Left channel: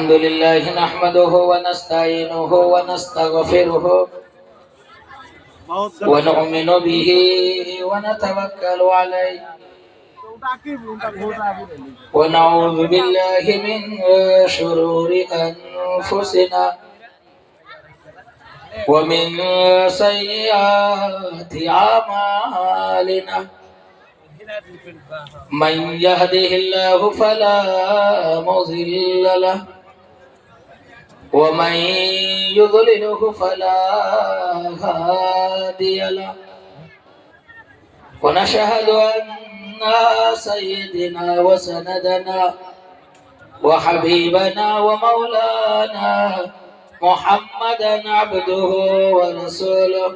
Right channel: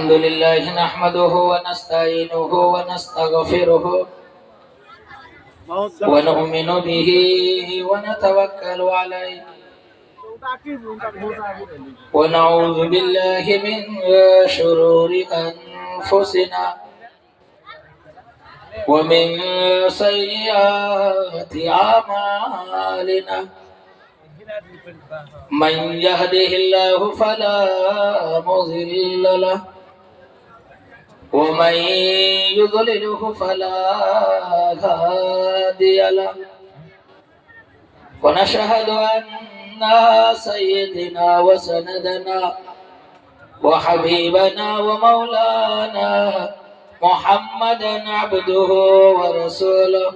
الحمد لله نحمده ونستعينه ونستغفره ونؤمن به ونتوكل عليه ونعوذ بالله من شرور أنفسنا ومن سيئات أعمالنا من يهده الله فلا مضل له ومن يضلله فلا هادي له ونشهد أن سيدنا وسندنا وحبيبنا ومولانا محمدا عبده ورسوله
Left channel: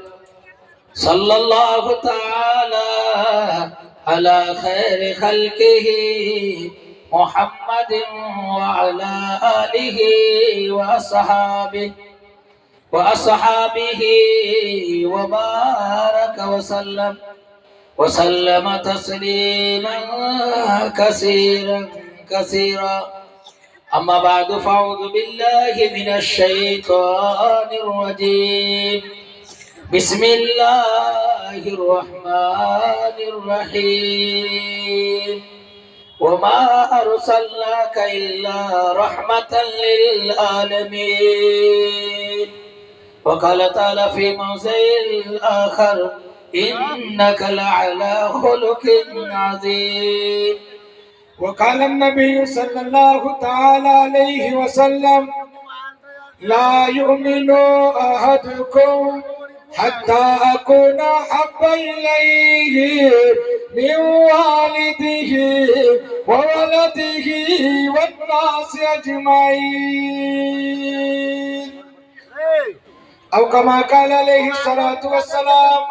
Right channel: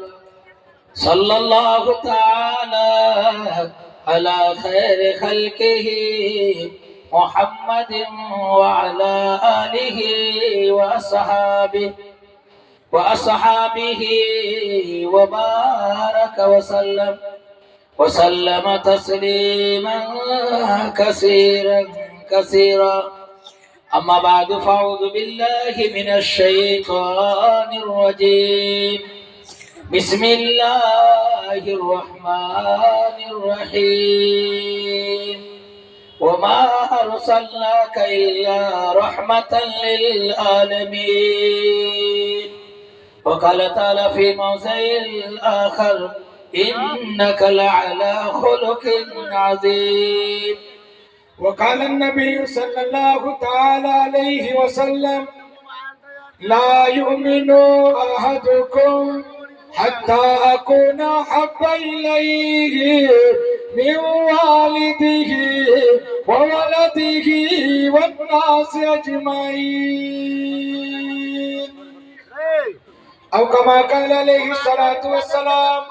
صلى الله تعالى على خير خلقه محمد وعلى آله وأصحابه وبارك وسلم تسليما كثيرا أما بعد فأعوذ بالله من الشيطان الرجيم بسم الله الرحمن الرحيم وما أرسلناك إلا رحمة للعالمين وقال تعالى في موضع آخر إنك لعلى خلق عظيم وقال النبي صلى الله تعالى عليه وسلم لا يؤمن أحدكم حتى أكون أحب إليه من والده وولده والناس أجمعين أو كما قال عليه الصلاة والسلام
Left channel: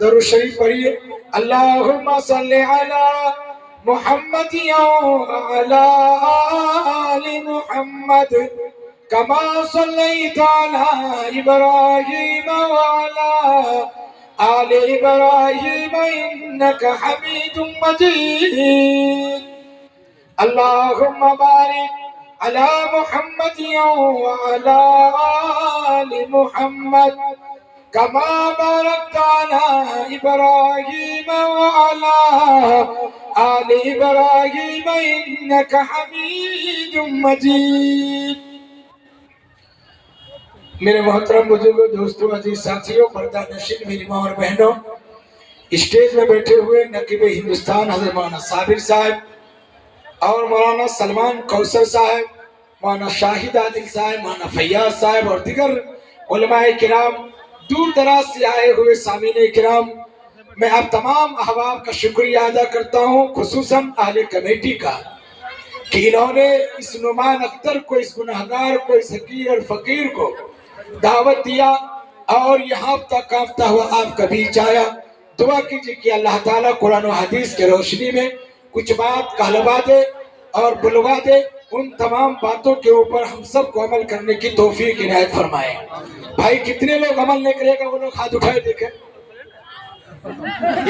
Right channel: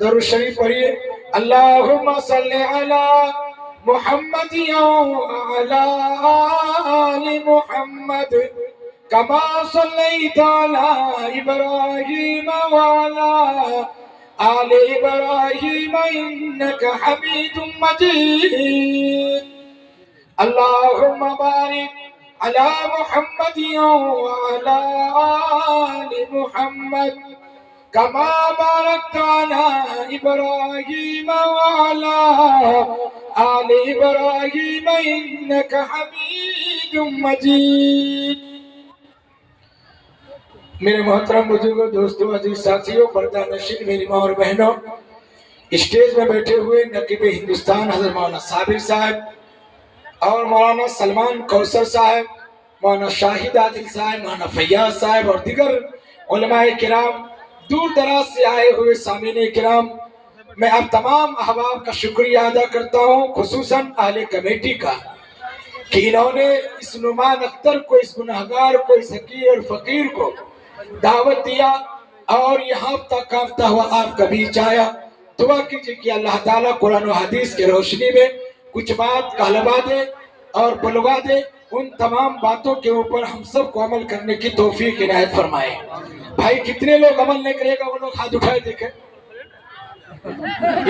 درود شریف پڑھیے اللهم صل على محمد وعلى آل محمد كما صليت على إبراهيم وعلى آل إبراهيم إنك حميد مجيد اللهم بارك على محمد وعلى آل محمد كما باركت على إبراهيم وعلى آل إبراهيم إنك حميد مجيد میرے محترم بزرگوں، دوستوں، عزیز ساتھیوں، پردہ نشین میری ماں اور بہنوں، اسٹیج میں بیٹھے ہوئے نقیب ہندوستان حضرت مولانا صابر صاحب اور مولانا سلمان کوثر صاحب، مولانا شاہد عادل صاحب، مولانا فیاض صاحب اور دیگر علماء کرام، دور دراز سے آئے ہوئے سامعین کرام، میں آپ تمام احباب کا شکریہ ادا کرتا ہوں، خصوصاً اہل کمیٹی کا کہ انہوں نے اس نعمان اختر کو، اس گناہگار کو، اس حقیر اور فقیر کو دعوت دیا اور یہاں تک آفتہ ہوا آپ کا بیچ آیا۔ دعا کیجئے کہ اللہ تعالیٰ قرآن و حدیث کے روشنی میں کچھ بات کہلوا دے اور بلوا دے، ان تمام باتوں کے اوپر ہم سب کو عمل کرنے کی توفیق عنایت فرمائے۔ بھائی کتنے لوگ عمل نہیں کرے گا وہ لوگ ہاتھ اٹھائے دیکھیں،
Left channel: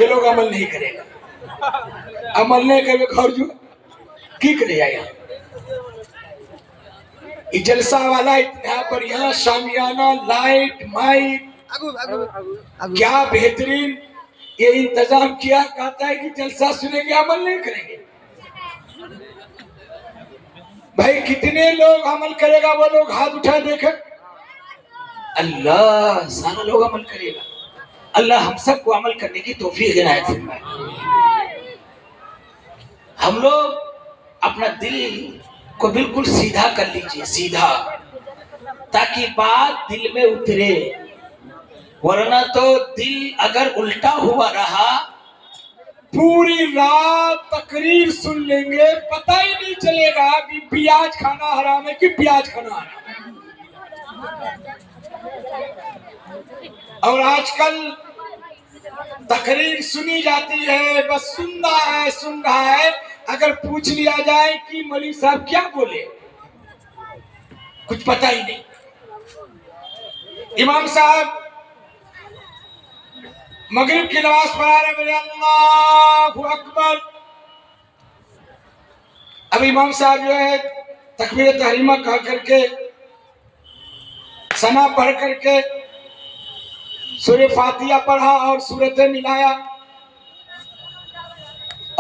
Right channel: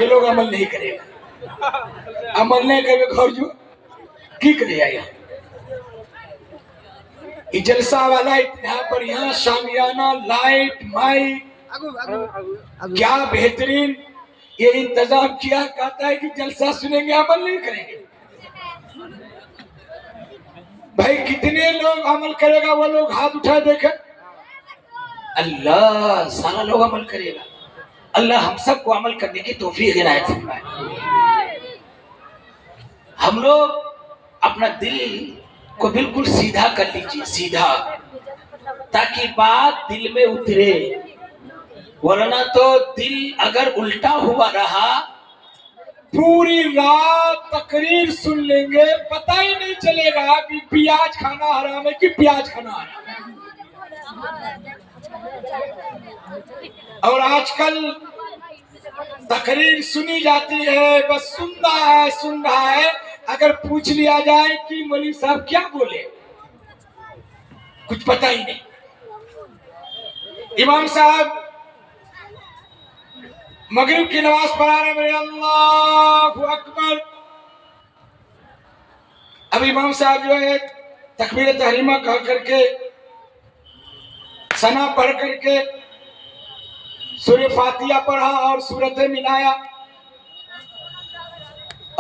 یہ لوگ عمل نہیں کرے گا، عمل نہیں کرے گا اور جو کی کرے گا یہ جلسہ والا اتنا پر یہاں شامیانہ لائٹ مائک کیا بہترین یہ انتظام کیا، کہتا ہے کہ جلسہ سنیں گے عمل نہیں کریں گے۔ بھائی کتنے لوگ عمل کرے گا وہ لوگ ہاتھ اٹھائے دیکھیں، اللہ سارا لوگ عمل کرے گا۔ اللہ ہم سب کو عمل کرنے کی توفیق عنایت فرمائے۔ ہم لوگ اپنا دل کو بالکل سیدھا کر لیجئے، سیدھا، تاکہ بات دل میں اترے، ورنہ تو دل اگر الٹا ہوا رہا پوری رات تقریر سن لیں گے، پتہ ہی نہیں چلے گا کہ پیاز کھانا حرام ہے کہ پیاز کھانا حرام ہے۔ اور آج کل تقریر سنی جاتی ہے، بس سن رہا ہے، اگر پوچھ لیا جائے کہ مولوی صاحب کیا بولے کچھ پتہ ہی نہیں۔ امام صاحب مغرب کی نماز پڑھا رہے میرے اللہ اکبر. اب امام صاحب جو ہے تکبیر تحریمہ کہا کر کے ثنا پڑھ کر کے سورہ فاتحہ پڑھا اور سورتیں ملایا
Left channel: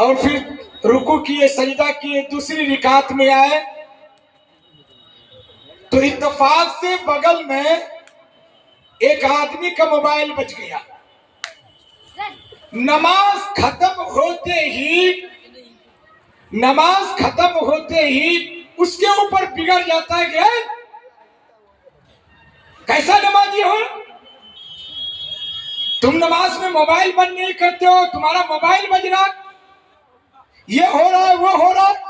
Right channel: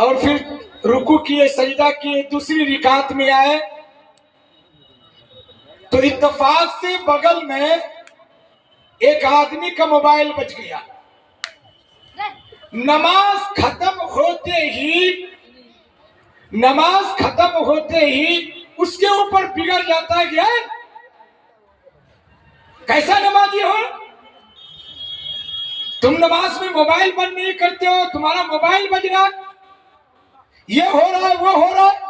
اور پھر رکوع کیے، سجدہ کیے، دوسری رکعت میں آئے تو اتفاق سے بغل میں ایک آدمی کا موبائل بج گیا۔ نماز ختم ہوتے ہی اس کے اوپر بگڑ جاتا ہے کہ کیسا نمازی ہو تم، نماز میں موبائل بند نہیں کرتے ہو، تمہارا موبائل بج رہا، یہ ہو رہا ہے، وہ ہو رہا ہے،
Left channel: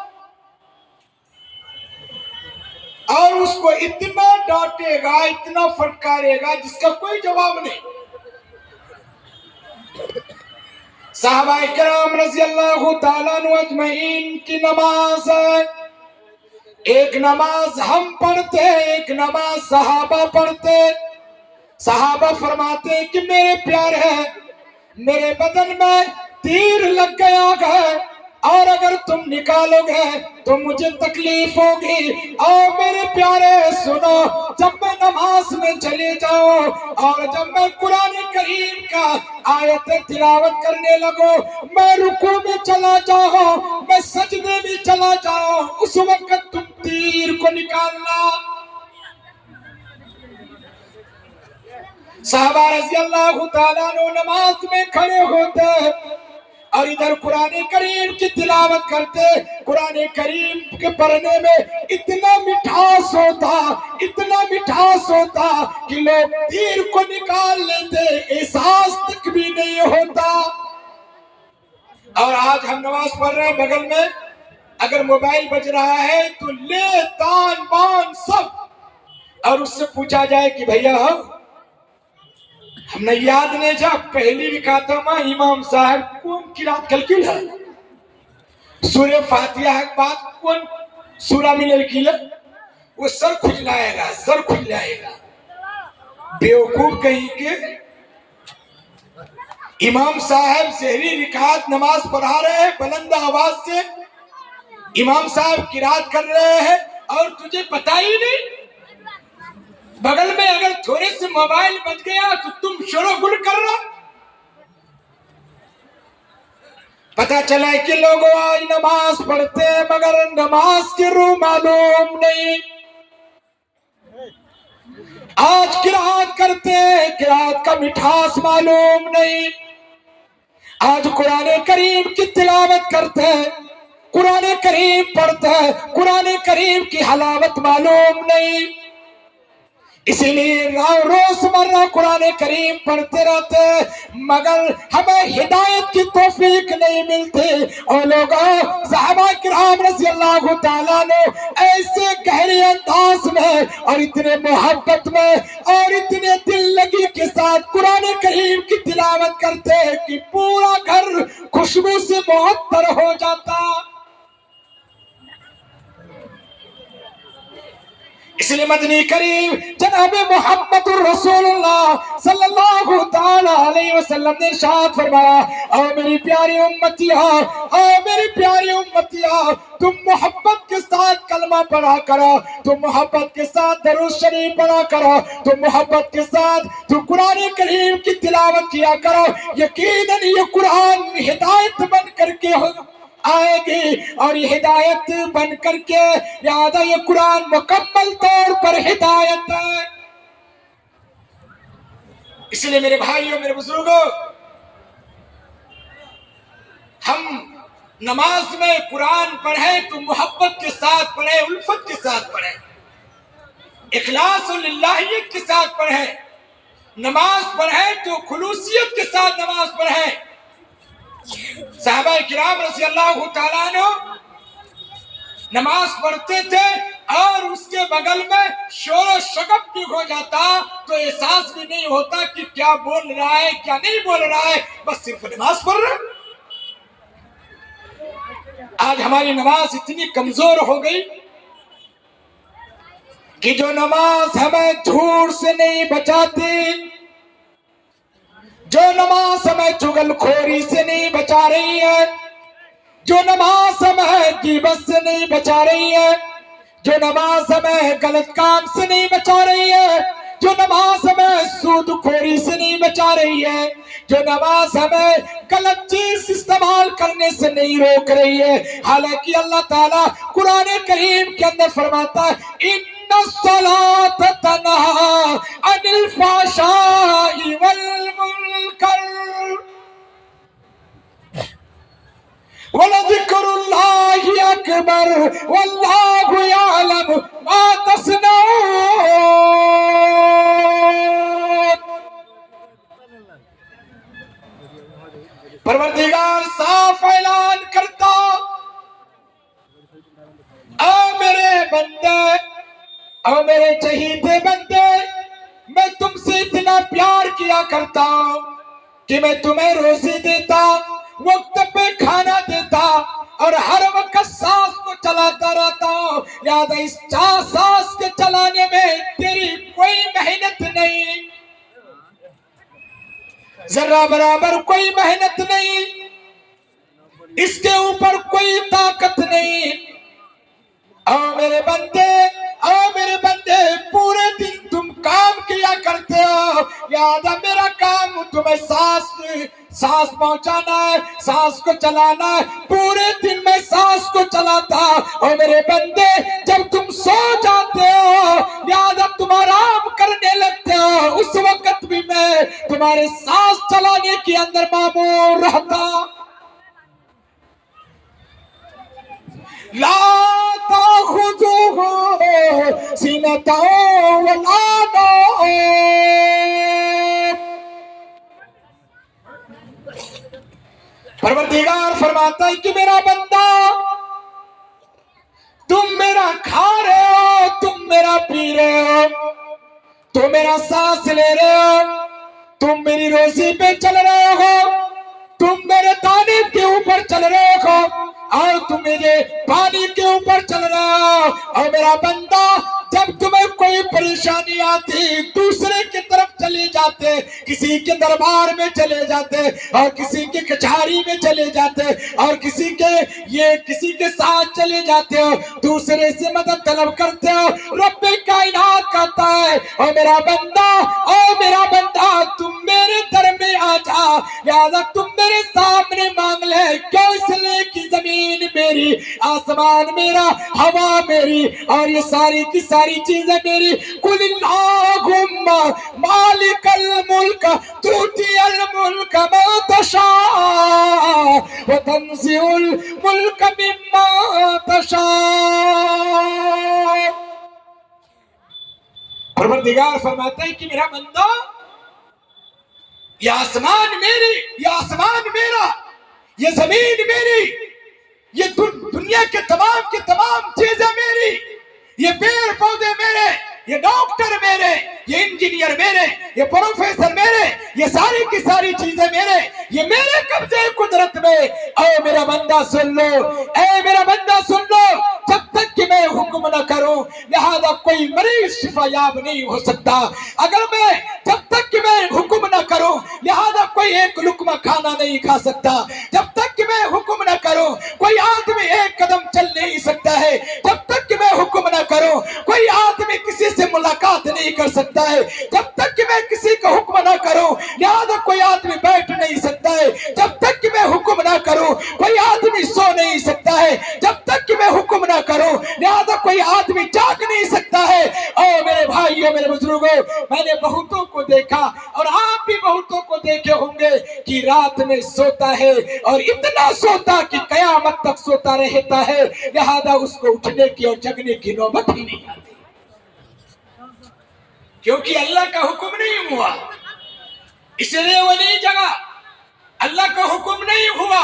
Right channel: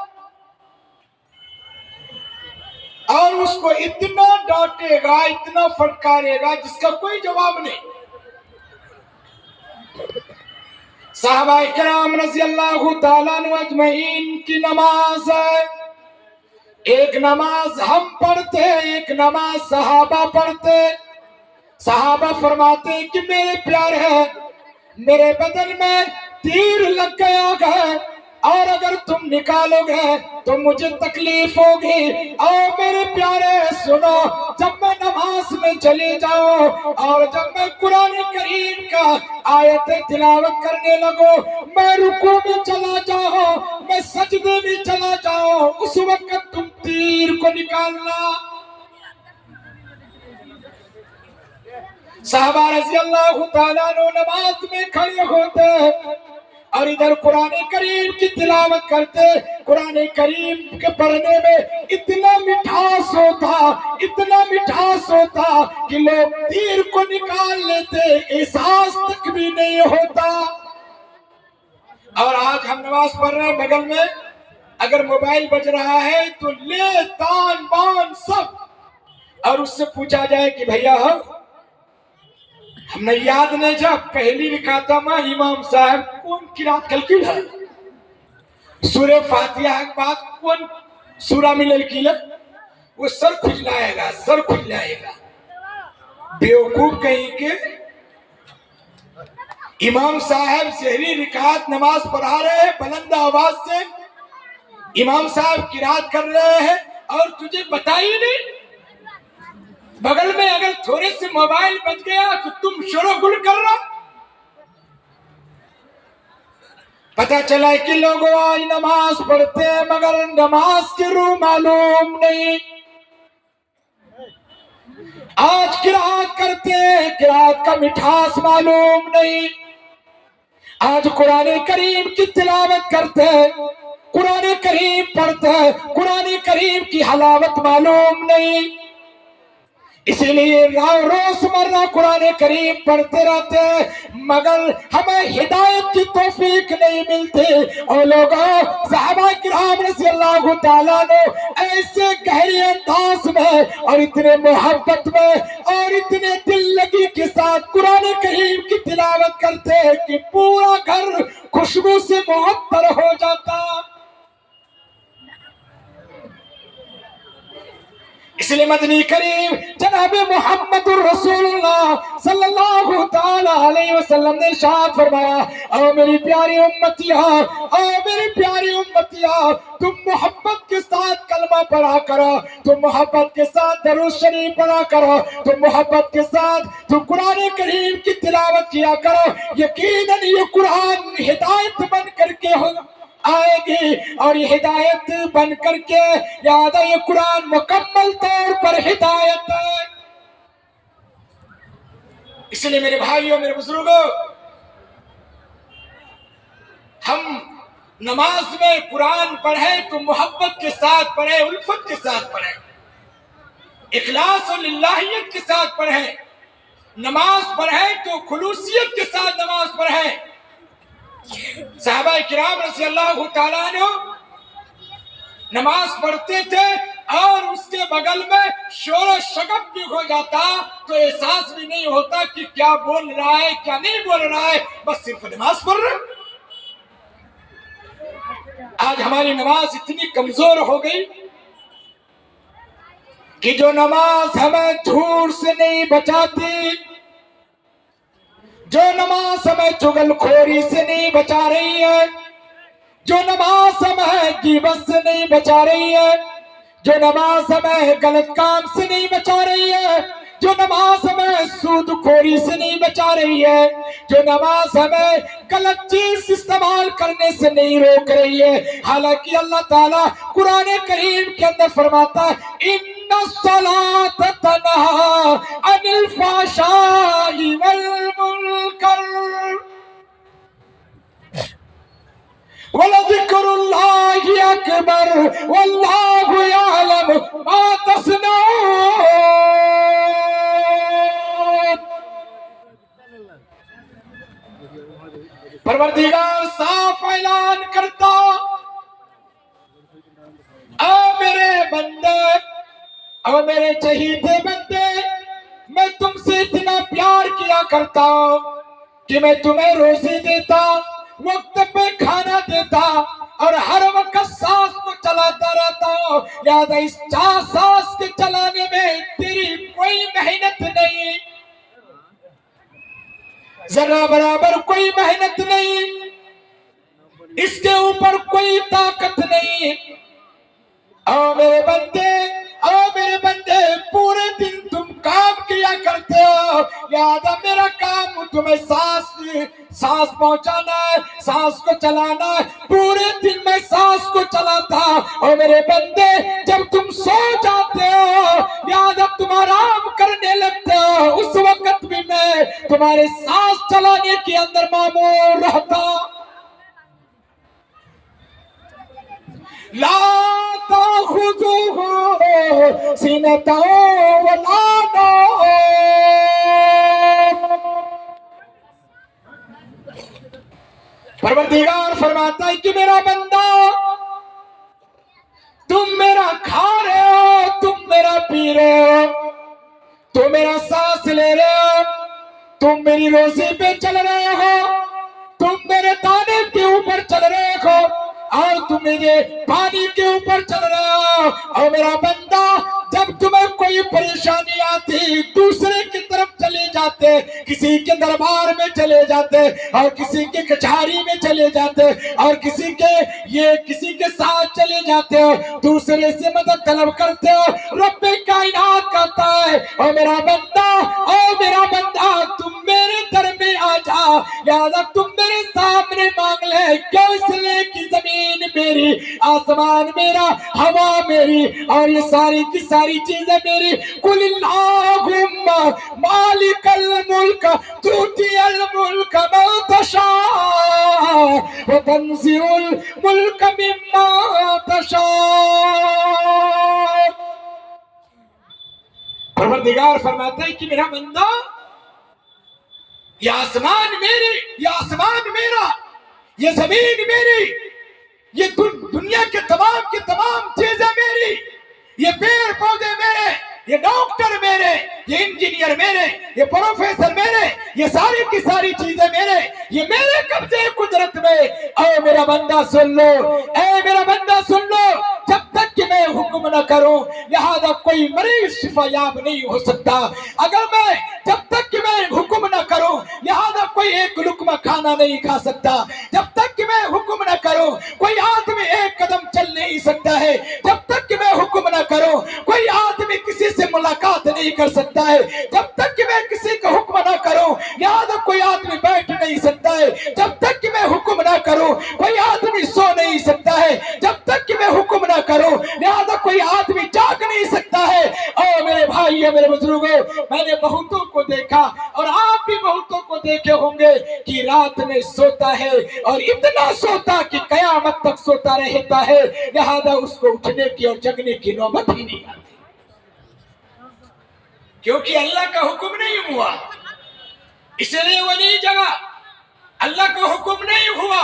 اور اس کو اتنا ڈانٹے گا، اتنا پھٹکارے گا جس کا کوئی جواب نہیں۔ صحابہ کرام رضی اللہ تعالیٰ عنہ اجمعین کی نماز ہے، ایک نماز ہم پڑھتے، ایک نماز صحابہ پڑھتے۔ صحابہ فرماتے کہ میرے پیارے، میرے بدن میں تیر لگ گیا ہے اور اگر تم نکالو گے تو مجھے تکلیف ہوگی۔ اور میرے پیارے سنو، جب میں نماز میں چلے جاؤں اور جب میں قرآن کریم کا آیت تلاوت کرنے لگوں، میں رکوع میں چلا جاؤں، میں سجدے میں چلا جاؤں، اس وقت تم تیر کو نکالنا۔ صحابہ رضی اللہ تعالیٰ عنہ نماز میں کھڑے ہوتے اور ادھر قرآن کریم کی تلاوت کرتے۔ قرآن کریم کے پڑھنے میں اتنا مٹھاس ہوتا کہ لوگ تیر کو نکال لیتے، احساس تک بھی نہیں ہوتا۔ اور آج ہم نماز پڑھ رہے ہیں، بغل میں اگر موبائل بج رہا ہے تو لے تان بان سب، اور اس سے پوچھا جائے کہ بھیا ہم نے یاد نہیں جا پہلی رکعت میں امام صاحب کون قرات کلکل ہے، سورہ فاتحہ کے بعد کون سورہ میں لکھی ہے، وہ سر کھجلائے گا۔ بیوقوف کہیں کہ امام صاحب سحری رکعت نماز پڑھا رہے ہیں، بلند آواز سے امام صاحب قرات کر رہے ہیں اور تجھے پتہ ہی نہیں۔ بغل میں اگر تھوڑے سے موبائل بج گیا تو تم شور و گل کر رہا۔ پتہ چلا کہ لوگ آج نماز پڑھتے ہیں مگر نماز کی روح معلوم نہیں، آج قرات کرتے ہیں، قرات کا مٹھاس معلوم نہیں، آج قرآن کریم کی تلاوت کرتے ہیں، قرآن کریم پڑھتے ہیں، قرآن کریم کی حلاوت معلوم نہیں، اسی لیے روز مرہ قرآن کریم پڑھتے رہتے مگر ہمیں ہدایت کی توفیق نہیں ملتی۔ اور لوگوں، صحابہ کرام رضی اللہ تعالیٰ عنہ ایسے گہرے انداز میں اور اتنے محبت میں اور اتنے دل لگی کے ساتھ قرآن کریم کی تلاوت کرتے کہ پورا گھر خوشبو سے معطر ہو جاتا۔ اس لیے مدنی کریم جناب محمد الرسول اللہ صلی اللہ تعالیٰ علیہ وسلم نے ارشاد فرمایا، او میری پیاری امتیاں، تم محبت کے ساتھ کلمہ پڑھا کرو، تم محبت کے ساتھ درود شریف پڑھا کرو، تم محبت کے ساتھ تم قرآن کریم کی تلاوت کیا کرو، یقیناً یہ قرآن ہدایت بن کر کے آئے گی، اور یہ ہدایت بن کر کے یاد ہے، یہ قرآن مکمل طور پر ہدایت ہے۔ اس لیے میرے بھائیوں، میرے بزرگوں، ہم نماز میں قرآن پڑھیں تو محبت کے ساتھ پڑھیں، الفت کے ساتھ پڑھیں، اخلاص و للہیت کے ساتھ پڑھیں، نماز پڑھیں تو خلوصیت کے ساتھ نماز پڑھیں۔ صحابہ کرام رضی اللہ تعالیٰ عنہ نماز پڑھتے تھے اور اس کے بغل میں شور و شگب بھی ہو جاتا تو احساس بھی نہیں ہوتا کہ کیا بول رہا ہے کیا نہیں بول رہا ہے، بس صرف نماز پڑھ رہا ہے۔ آج ہماری نماز اتنی کمزور ہو گئی کہ جو نماز ہمیں جھوٹ سے نہیں بچاتی، جو نماز ہمیں چغل خوری سے نہیں بچا رہی ہے، جو نماز ہمیں غیبت سے نہیں بچا رہی ہے، جو نماز ہمیں غلط کام سے نہیں بچا رہی ہے، جو نماز ہمیں سود خوری سے نہیں بچا رہی ہے، جو نماز ہمیں غلط چیز استعمال کرنے سے نہیں روک رہی ہے، حالانکہ اللہ تعالیٰ قرآن کریم کے اندر فرماتا ہے ان الصلاۃ تنہی عن الفحشاء والمنکر وَلَذِكْرُ اللَّهِ أَكْبَرُ وَاللَّهُ يَعْلَمُ مَا تَصْنَعُونَ۔ پروردگار صاف اعلان کرتا، اے میرے بندے، اے میرے چہیتے بندے، میں تم سے اتنا پیار کیا کرتا کہ میں تمہیں روزی دیتا، وقت پہ کھانا دیتا، اور ہر وقت سانس کو چلاتا رہتا ہوں، لہذا اس سانس کے چلانے میں تیری کوئی محنت نہیں، ذرہ برابر کوئی محنت نہیں، اس کے اوپر کوئی طاقت نہیں۔ او میرے بندے پورے دن تم کام کیا کرتے ہو، لہذا میرا کام تمہیں سانس پہنچانا ہے، سانس کو چلانا ہے، پورے دن میں سانس کو چلاتا۔ اور میرے بندے جب تم سو جاتے ہو، لہذا تم آرام کرنے لگتے ہو، اس وقت بھی میں تمہارے سانس چلانے کے اندر مامور رہتا۔ لا تأخذه سنة ولا نوم۔ پروردگار فرماتا ہے کہ میرا بندہ، تم میرا کھا رہے ہو، تم میرا پی رہے ہو، تم میرا سانس لے رہے ہو، تم میری روزی پہ چل رہے ہو، تم میرے دانے کے اوپر چل رہے ہو، اور تم میرے پانی کے اوپر چل رہے ہو۔ اور میرا بندہ جب تمہیں کوئی پریشانی آتی، دوسرے کی طرف چلے جاتے، کسی کے دربار میں چلے جاتے، اور کسی کے کچہری میں چلے جاتے، اور کسی کے ساتھ چلے جاتے ہو، دوسرے سے مدد طلب کرتے ہو۔ رب کائنات کہتا ہے او میرا بندہ تم میرے در میں آ جا، لہذا تم میرے سامنے مانگ لے، کیوں؟ اس لیے کہ زمین میری، آسمان میرا، ہوا میری، اور یہ ساری کی ساری چیزیں میری۔ قل اللہم مالک الملک تؤتی الملک من تشاء وتنزع الملک ممن تشاء۔ پروردگار فرماتا ہے کہ میرا بندہ، یہ آسمان میری، یہ آسمان میرا، یہ زمین میری، یہ دنیا کے تمام چیزیں میری، یہ پیڑ پودے میرے، یہ ڈاکٹر میرے، یہ انجینئر میرے، یہ پروفیسر میرے، یہ ساری کی ساری چیزیں میرے، یہ میرے قبضے قدرت میں۔ اے میرا بندہ سن لو، اے میرا بندہ سن لو، جب تک کہ میں حکم نہ کروں، لہذا کوئی مریض شفا یاب نہیں ہو سکتا۔ جب تک کہ میں حکم نہ کروں، لہذا کوئی ایک لقمہ کھانا نہیں کھا سکتا۔ جب تک کہ میں حکم نہ کروں، کوئی آدمی ایک قدم چل نہیں سکتا ہے۔ جب تک کہ میں حکم نہ کروں، کوئی آدمی کسی سے ملاقات نہیں کر سکتا ہے۔ جب تک کہ میں کسی کو حکم نہ کروں، لہذا کوئی آدمی بیٹھ نہیں سکتا ہے۔ جب تک کہ میں حکم نہ کروں، کوئی آدمی سو نہیں سکتا ہے۔ جب تک کہ میں حکم نہ کروں، لہذا کوئی آدمی جاگ نہیں سکتا ہے۔ او میرے بھائیو، میرے بزرگوں، میں نے بہتوں کو دیکھا، اور آپ بھی بہتوں کو دیکھے ہوں گے کہ رات میں سوتا ہے، اور اتنا سوتا کہ قیامت تک سوتا رہتا ہے، لہذا اس کو اٹھنے کی اور جگنے کی نوبت ہی نہیں آتی، کیونکہ اللہ کا حکم نہیں ہوا، اس لیے وہ نہیں جگا۔ اللہ کا حکم نہیں ہوا،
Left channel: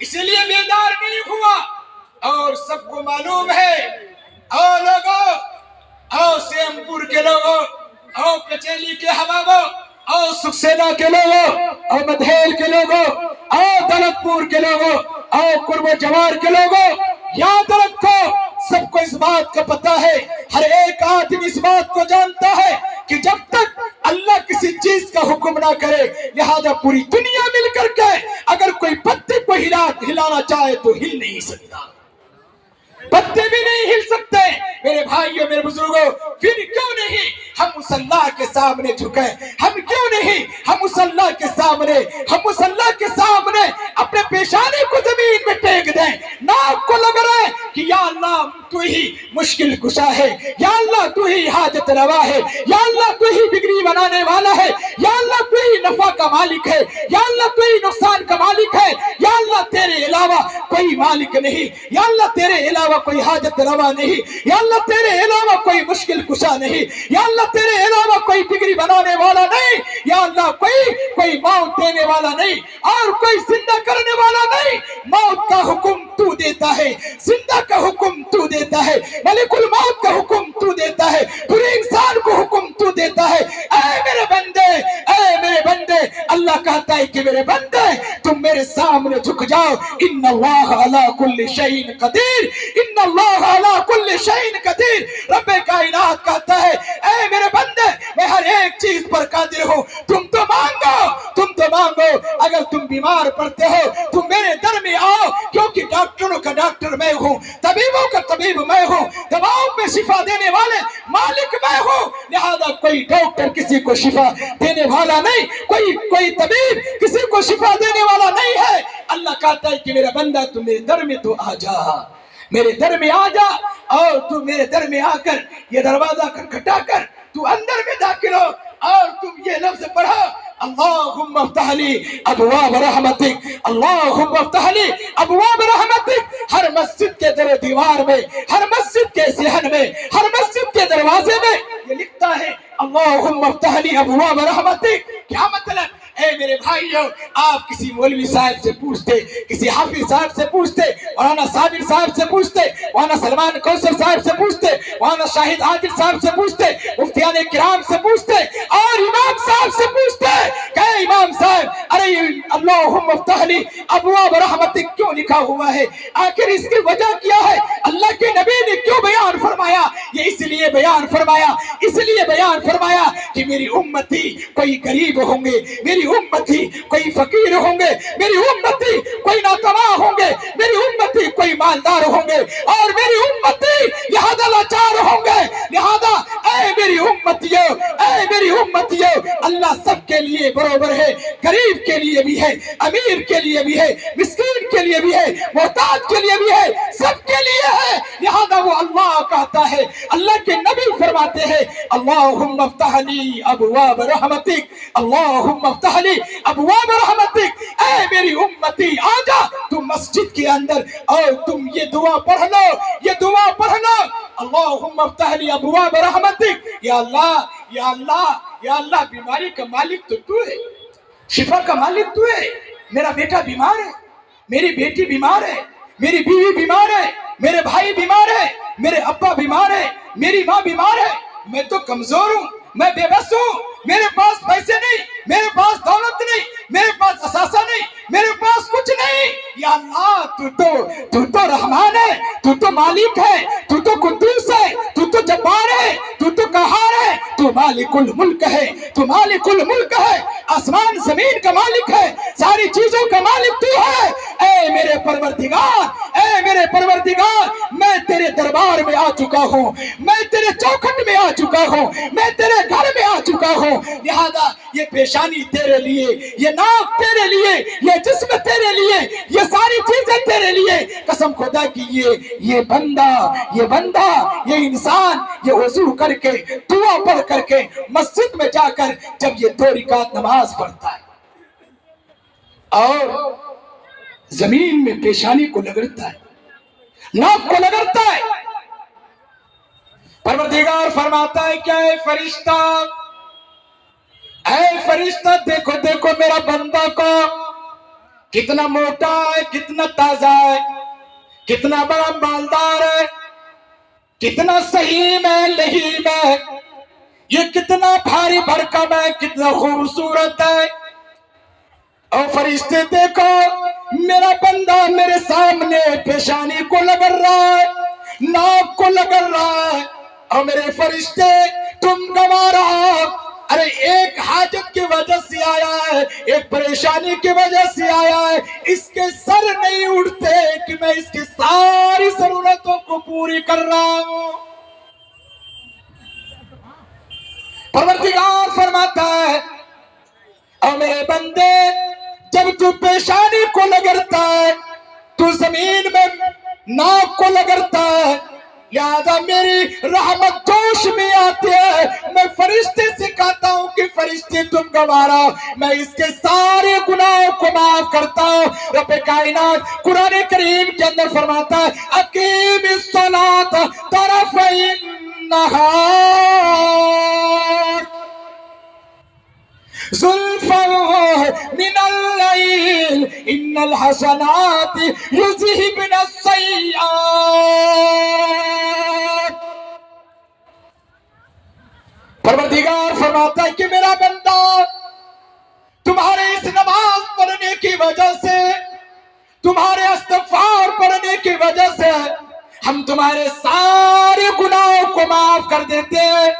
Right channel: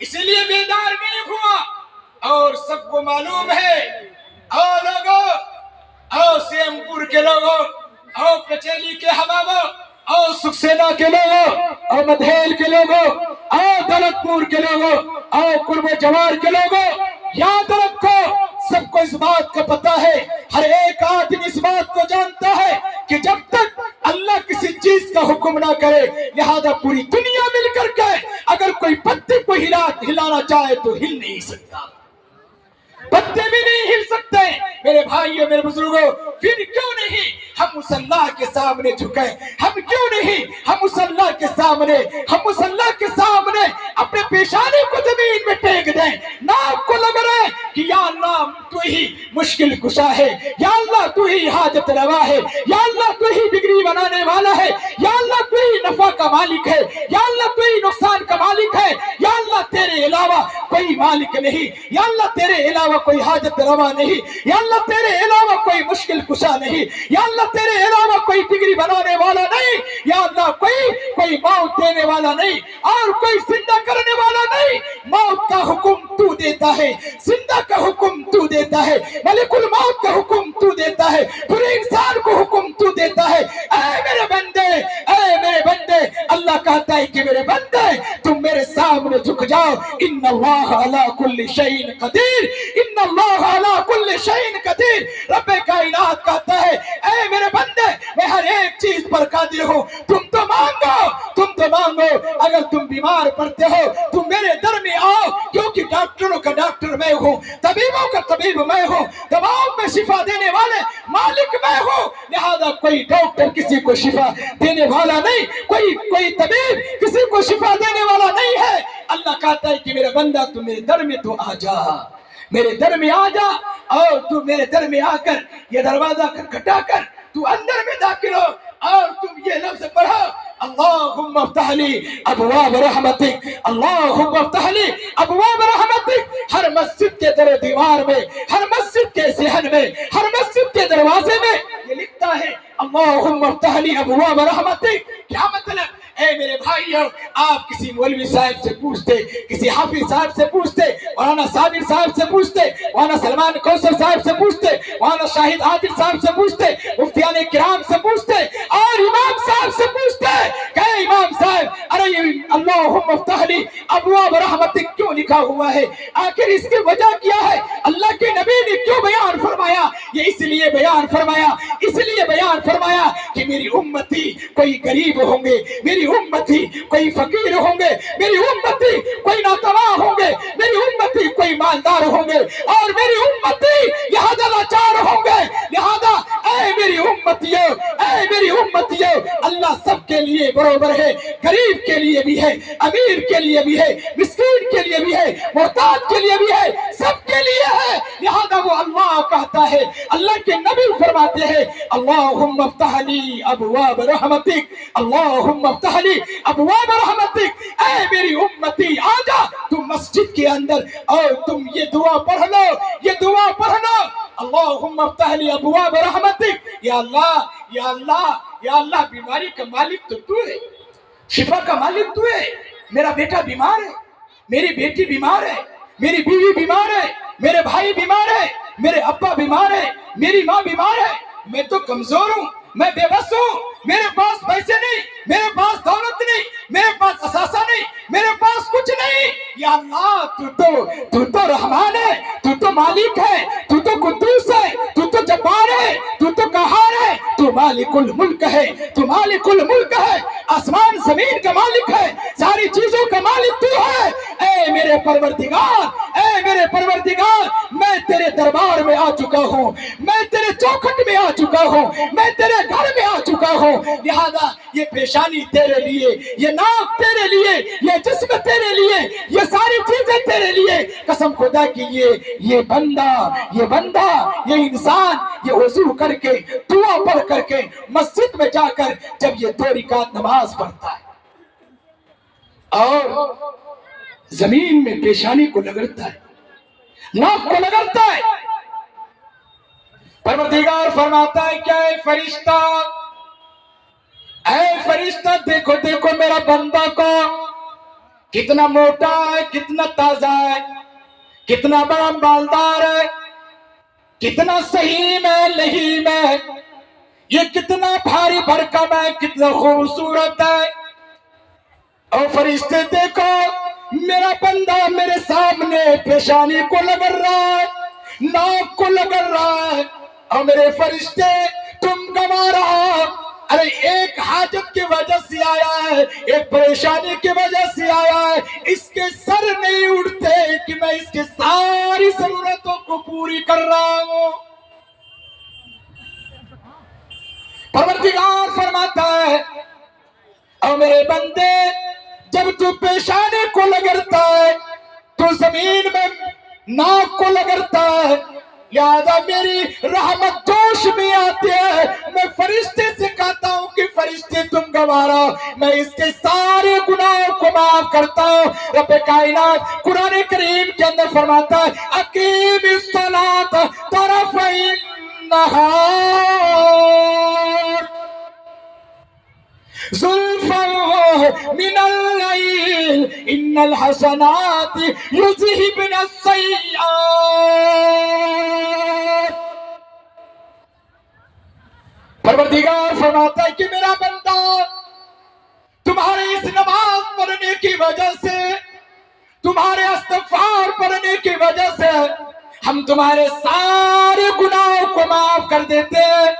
اس لیے بیدار نہیں ہوا۔ اور سب کو معلوم ہے، او لوگوں، او سیم پور کے لوگوں، او کچیلی کے حبابوں، او سکسینا کے لوگوں، او مدھیل کے لوگوں، او دولت پور کے لوگوں، او قرب و جوار کے لوگوں، یاد رکھو، سب کو اس بات کا پتہ ہے، ہر ایک آدمی اس بات کو جانتا ہے کہ جب تک اللہ کسی چیز کا حکم نہ کرے، لہذا پوری دنیا مل کر کے اگر کوئی پتے کو ہلانا چاہے تو ہل نہیں سکتا۔ پتے بھی نہیں ہل سکتے۔ میرے بھائیوں، میرے بزرگوں، پھر کیوں نہیں ہم مصلی کے سامنے جھکے؟ ہم کیوں نہیں ہم مصلی کے سامنے اپنے پیشانے کو زمین میں ٹیک دیں؟ ناک کو لگ رہا ہے کہ یا اللہ تو ہی مشکل کشا ہے، یا اللہ تو ہی حاجت روا ہے، یا اللہ تو ہی بگڑی بنانے والا ہے، یا اللہ تو ہی نفع کا مالک ہے، یا اللہ تو ہی نقصان کا مالک ہے، یا اللہ تیرے علاوہ کوئی مالک نہیں، یا اللہ تیرے علاوہ کوئی حاجت روا نہیں، یا اللہ تیرے علاوہ کوئی مشکل کشا نہیں، یا اللہ تیرے علاوہ کوئی بگڑی بنانے والا نہیں، یا اللہ کوئی موت دینے والا نہیں اور کوئی زندہ کرنے والا نہیں۔ موت کا حکم تو دیتا ہے، زندہ کا حکم تو دیتا ہے، ملک الموت کا حکم تو دیتا ہے، پورے انسان کو حکم تو دیتا ہے۔ اے میرے بندے، اے میرے بندے، اللہ کہتا ہے کہ میرے بندے تم میرے سامنے جھک جاؤ۔ ان اللہ علی کل شیء قدیر، ان اللہ علی کل شیء قدیر۔ رب کائنات کہتا ہے اے میرے بندے میں ہر ایک چیز پر قادر ہوں، تم تو مانگو۔ اگر تم بیمار پڑتے ہو تم میرے در میں آؤ، کیونکہ ڈاکٹروں کا ڈاکٹر میں ہوں، طبیبوں کا طبیب میں ہوں، دواؤں میں شفا دینے والے مالک میں ہوں، لہذا کوئی ڈاکٹر کسی کو شفا دینے والا نہیں، کوئی طبیب کسی کو شفا دینے والا نہیں ہے۔ اللہ کہتا ہے کہ میرا بندہ تم میرے در میں تو آ جا، میرے در میں آ جا، اور تو میرے در میں آ کر یہ دروازہ کھٹکھٹا کر تو اندر میں داخل ہو اور تم یہ لفظ پڑھو اللہم افتح لی ابواب رحمتک، اللہم افتح لی ابواب رحمتک۔ ہر مسجد کے در و دیوار میں، ہر مسجد کے صحن میں، ہر مسجد کے دروازے میں یہ لکھتا ہے اللہم افتح لی ابواب رحمتک۔ کیا مطلب؟ اے میرے بھائیوں، آپ کسی مولوی صاحب سے پوچھتے، کسی حافظ صاحب سے پوچھتے، مولانا صابر صاحب سے پوچھتے، مولانا سلمان کوثر صاحب سے پوچھتے، مولانا شاہد عادل صاحب سے پوچھتے، مفتیان کرام سے پوچھتے اور امام صاحب سے پوچھتے کہ اے امام صاحب، ارے اللہم افتح لی ابواب رحمتک کیوں لکھا ہوا ہے؟ آخر اس کی وجہ کیا ہے؟ اللہ کے نبی نے کیوں بیان فرمایا؟ یہ اس لیے بیان فرمایا کہ میری امتی کوئی غریب ہوں گے، میری امتی کوئی فقیر ہوں گے، میری امتی کوئی ناتواں ہوں گے، میری امتی کوئی مالدار ہوں گے، اور میری امتی لہذا لاچار ہوں گے۔ لہذا اے میری امتیوں، اللہ سب کے لیے برابر ہے، غریب کے لیے بھی ہے، امیر کے لیے بھی ہے، مسکین کے لیے بھی ہے، محتاج کے لیے بھی ہے، سب کے لیے ہے۔ لہذا وہ اللہ کہتا ہے، اللہ کے نبی فرماتے ہیں اللہم افتح لی ابواب رحمتک، اللہم افتح لی ابواب رحمتک۔ اے میری امتی آ جا تم مسجد کے اندر اور تم یہ دعا پڑھ لو اللہم افتح لی ابواب رحمتک۔ یا اللہ، بیماری کا مالک تو ہے، شفا کا مالک تو ہے۔ میرا بیٹا بیمار ہے، میری بیٹی بیمار ہے، میری بیوی بیمار ہے، میرے بھائی بیمار ہے، میرے ابا بیمار ہے، میری ماں بیمار ہے، میں تو کمزور ہوں، میں بے بس ہوں، میرے پاس پیسے نہیں، میرے پاس دولت نہیں، میرے پاس اثاثہ نہیں، میرے پاس کچھ نہیں۔ یا اللہ تو تو رحمان ہے، تو تو مالک ہے، تو تو قدوس ہے، تو تو جبار ہے، تو تو قہار ہے، تو مالک الملک ہے، تو مالک الملک ہے، آسمان زمین کا مالک ہے، ساری چیزوں کا مالک تو ہے۔ اے میرے پروردگار، میں تیرے دربار میں آ چکا ہوں، میں تیرے چوکھٹ میں آ چکا ہوں، میں تیرے گھر میں آ چکا ہوں۔ لہذا یہ پیشانی تیرے لیے، یہ ناک تیرے لیے، یہ جسم تیرے لیے، یہ ساری چیزیں تیرے لیے۔ قسم خدا کی یہ بندہ، یہ انسان، یہ وضو کر کے، دعا پڑھ کر کے مسجد میں جا کر جب یہ 2 رکعت نماز پڑھتا ہے اور زمین میں پیشانی کو رگڑتا ہے، ناک کو رگڑتا ہے، پروردگار فرماتا ہے کہ اے فرشتہ دیکھو میرا بندہ کو کتنا موٹا ہے، کتنا تازہ ہے، کتنا بڑا مالدار ہے، کتنا سہیم ہے، لہیم ہے، یہ کتنا بھاری بھرکم ہے، کتنا خوبصورت ہے۔ اور فرشتے دیکھو میرا بندہ میرے سامنے پیشانی کو لگڑ رہا ہے، ناک کو لگڑ رہا ہے، اور میرے فرشتے تم گوا رہا ارے ایک حاجت کی وجہ سے آیا ہے، ایک پریشانی کی وجہ سے آیا ہے، اس کے سر نہیں اٹھتے کہ میں اس کی ساری ضرورتوں کو پوری کر رہا ہوں۔ پروردگار فرماتا ہے اور میرے بندے جب تو پیشانی کو لگڑتا ہے تو زمین میں ناک کو لگڑتا ہے، لہذا میری رحمت جوش میں آتی ہے، میں فرشتے سے کہتا ہوں کہ فرشتے تم گوارا، میں اس کے سارے گناہوں کو معاف کرتا ہوں۔ رب کائنات قرآن کریم کے اندر فرماتا ہے اقیم الصلاۃ طرفی النہار زلفا من اللیل ان الحسنات یذہبن السیئات۔ پروردگار فرماتا ہے کہ میرا بندہ تمہارے اس نماز پڑھنے کی وجہ سے، تمہارے استغفار پڑھنے کی وجہ سے ہم تمہارے سارے گناہوں کو معاف کر دیتے ہیں۔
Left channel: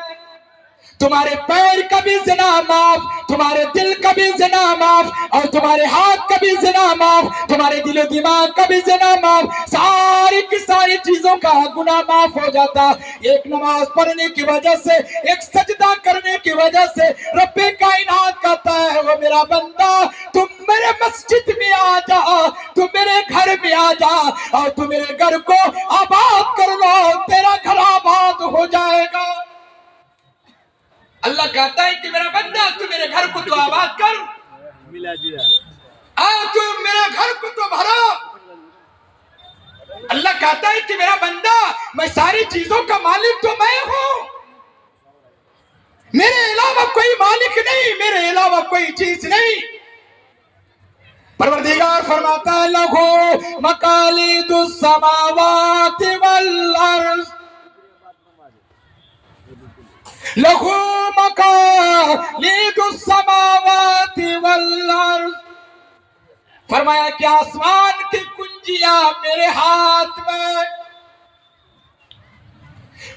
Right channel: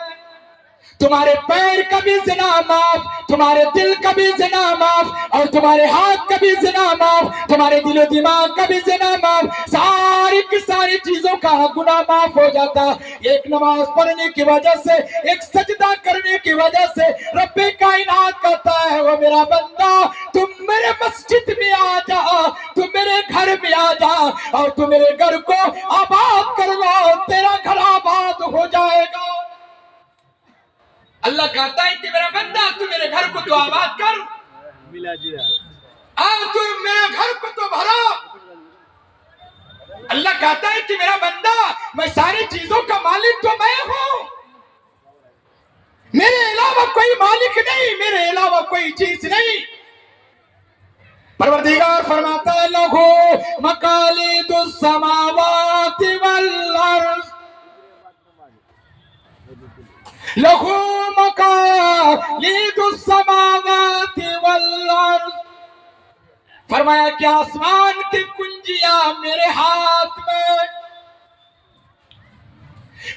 تمہارے پیر کا بھی زنا معاف، تمہارے دل کا بھی زنا معاف، اور تمہارے ہاتھ کا بھی زنا معاف، تمہارے دل و دماغ کا بھی زنا معاف، ساری کی ساری چیزوں کا گناہ معاف ہو جاتا۔ ایک نماز پڑھنے کی وجہ سے، ایک سجدہ کرنے کی وجہ سے رب کائنات کہتا ہے وہ میرا بندہ تم میرے مسجد میں آ جا، تم میرے گھر میں آ جا اور تم میرے گھر کو آباد کر لو، تیرا گھر آباد ہو جائے گا۔ اللہ کہتا ہے کہ میرا بندہ تو میرے گھر کو تو آباد کر، تو میرے گھر کو تو بھرا۔ اللہ کہتا ہے کہ میرا بندہ میں ساری چیزوں کا مالک تو میں ہوں، میرے علاوہ کوئی مالک نہیں، میرے علاوہ کوئی چیز نہیں۔ پروردگار فرماتا ہے لہو مقالید السماوات والارض، لہو مقالید السماوات والارض، فرمایا کہ آسمان کی کنجیاں میرے ہاتھ میں،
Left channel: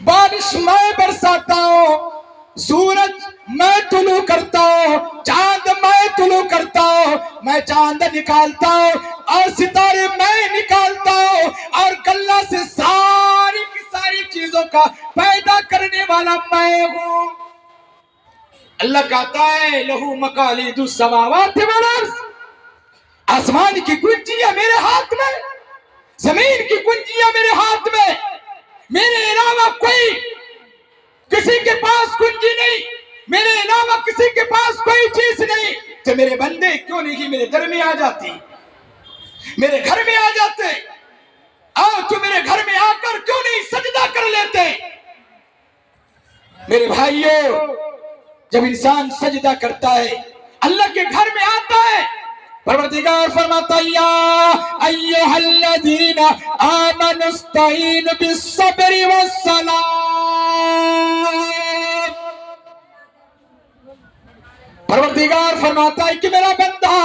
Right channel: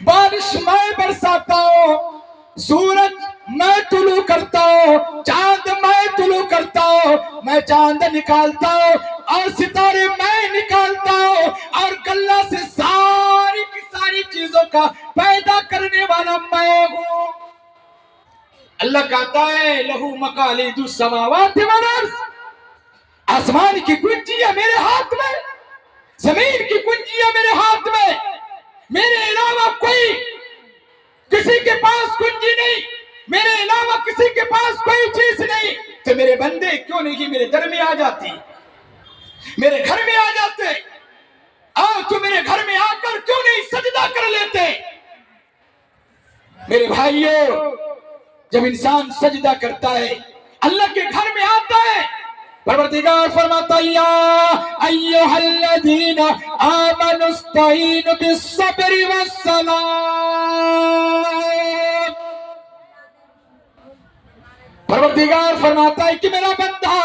بارش میں برساتا ہوں، سورج میں طلوع کرتا ہوں، چاند میں طلوع کرتا ہوں، میں چاند نکالتا ہوں اور ستارے میں نکالتا ہوں، اور اللہ سے ساری کی ساری چیزوں کا پیدا کرنے والا میں ہوں۔ اللہ کہتا ہے لہو مقالید السماوات والارض، آسمان کی کنجیاں میرے ہاتھ میں، زمین کی کنجیاں میرے ہاتھ میں، میرے علاوہ کوئی کسی کے پاس کنجی نہیں، میرے علاوہ کسی کے پاس کوئی چیز نہیں۔ تو میرے بندے کیوں نہیں میرے گھر میں آ جاتی، میرے گھر میں آ جاتے، تو میرے گھر میں آ کر کیوں نہیں سجدہ کر لیتے؟ میرے بھائیوں، جب انسان سجدہ کرتا ہے اللہ کے گھر میں آتا ہے، پروردگار فرماتا ہے یا ایھا الذین آمنوا استعینوا بالصبر والصلاۃ، پروردگار فرماتا ہے کہ میرا بندہ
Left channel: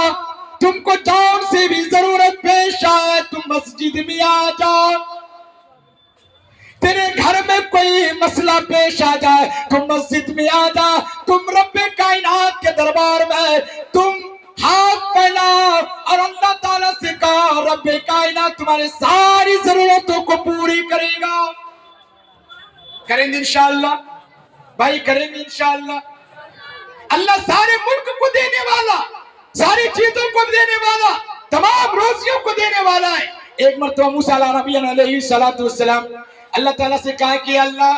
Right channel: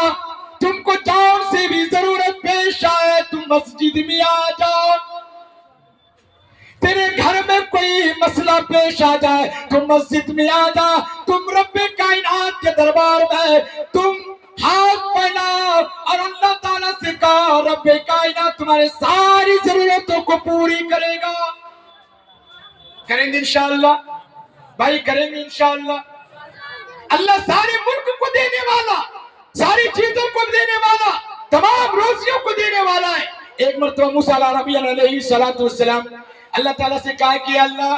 تم کو جان سے بھی ضرورت پیش آئے تم مسجد میں آ جاؤ، تیرے گھر میں کوئی مسئلہ پیش آ جائے تم مسجد میں آ جا، تم رب کائنات کے دربار میں تم ہاتھ پھیلاؤ اور اللہ تعالیٰ سے کہا رب کائنات تمہارے ساری ضرورتوں کو پوری کرے گا۔ کریں گے انشاءاللہ بھائی، کریں گے انشاءاللہ۔ اللہ سارے ملک کو دینے والا، ساری چیزوں کو دینے والا، تمام روزیوں کو دینے والا ہے۔ ایک مرتبہ موسیٰ علیہ السلام اللہ تعالیٰ سے کہا کہ اللہ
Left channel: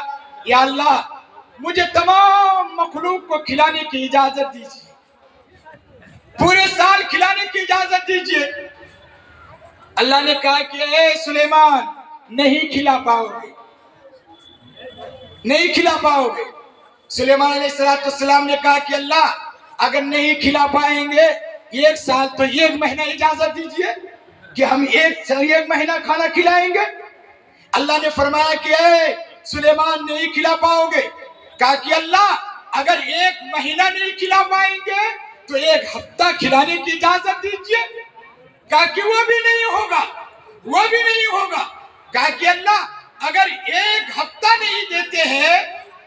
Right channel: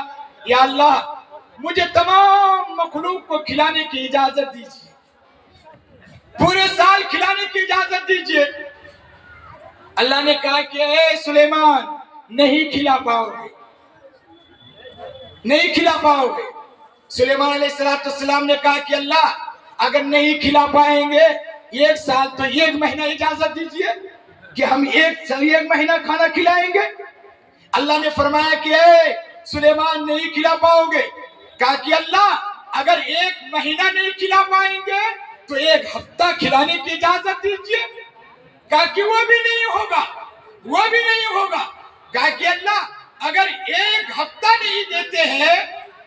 یا اللہ مجھے تمام مخلوق کو کھلانے کی اجازت دیجیے، پورے سال کھلانے کی اجازت دیجیے۔ اللہ نے کہا کہ اے سلیمان نہیں کھلا پاؤ گے، نہیں کھلا پاؤ گے۔ سلیمان علیہ السلام نے کہا کہ اللہ اگر نہیں کھلا پائیں گے ایک سال تو ایک مہینہ اجازت دیجیے کہ ہم ایک مہینہ کھانا کھلائیں گے۔ اللہ نے فرمایا کہ اے سلیمان نہیں کھلا پاؤ گے، کہا کہ اللہ اگر ایک مہینہ نہیں کھلا پائیں گے تو ایک ہفتہ کھلانے کی اجازت دیجیے، کہا کہ وہ بھی نہیں ہوگا، وہ بھی نہیں ہوگا، کہا کہ اللہ اگر ایک ہفتہ نہیں دیتے ہیں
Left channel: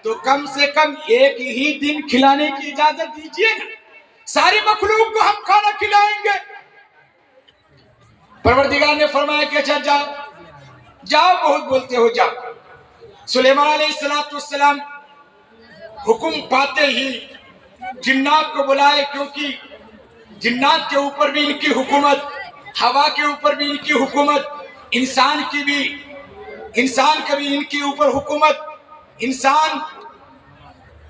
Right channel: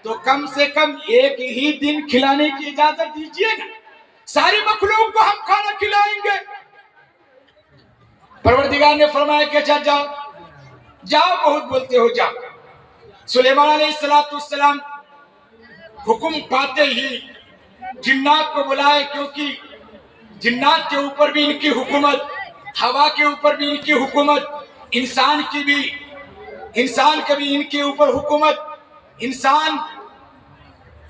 تو کم سے کم ایک ہی دن کھلانے کی اجازت دیجیے نا، ساری مخلوق کو ہم کھانا کھلائیں گے۔ پروردگار نے فرمایا کہ اچھا جاؤ جاؤ، بہت بولتے ہو، جاؤ۔ سلیمان علیہ السلام حکم پاتے ہی جنات کو بلائے، کیونکہ جنات کے اوپر بھی ان کی حکومت، ہوا کے اوپر بھی ان کی حکومت، انسان کا بھی ان کے اوپر حکومت، انسان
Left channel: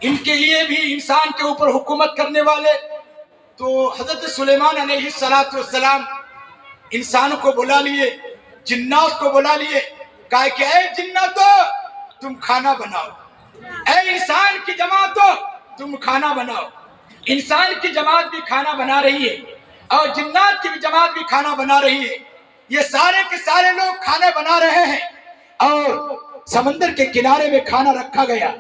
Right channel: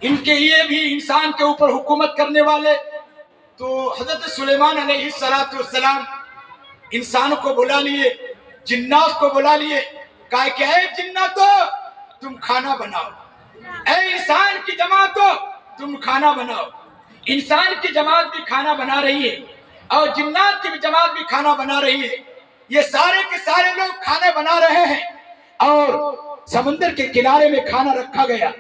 ان کے لیے بھی انسان کے اوپر حکومت کرنے والے۔ تو حضرت سلیمان علیہ السلام انسان کو بلا لیے، جنات کو بلا لیے، کہا کہ اے جناتو تم کھانا بناؤ، اے انسان کی جماعتو تم کھانا بناؤ۔ انسان کی جماعت بھی کھانا بنا رہی ہے اور جنات کی بھی جماعت بھی کھانا بنا رہی ہے، یہ سارے کے سارے لوگ کھانے بنا رہے ہیں، اور سمندر کے کنارے میں کھانا رکھا گیا،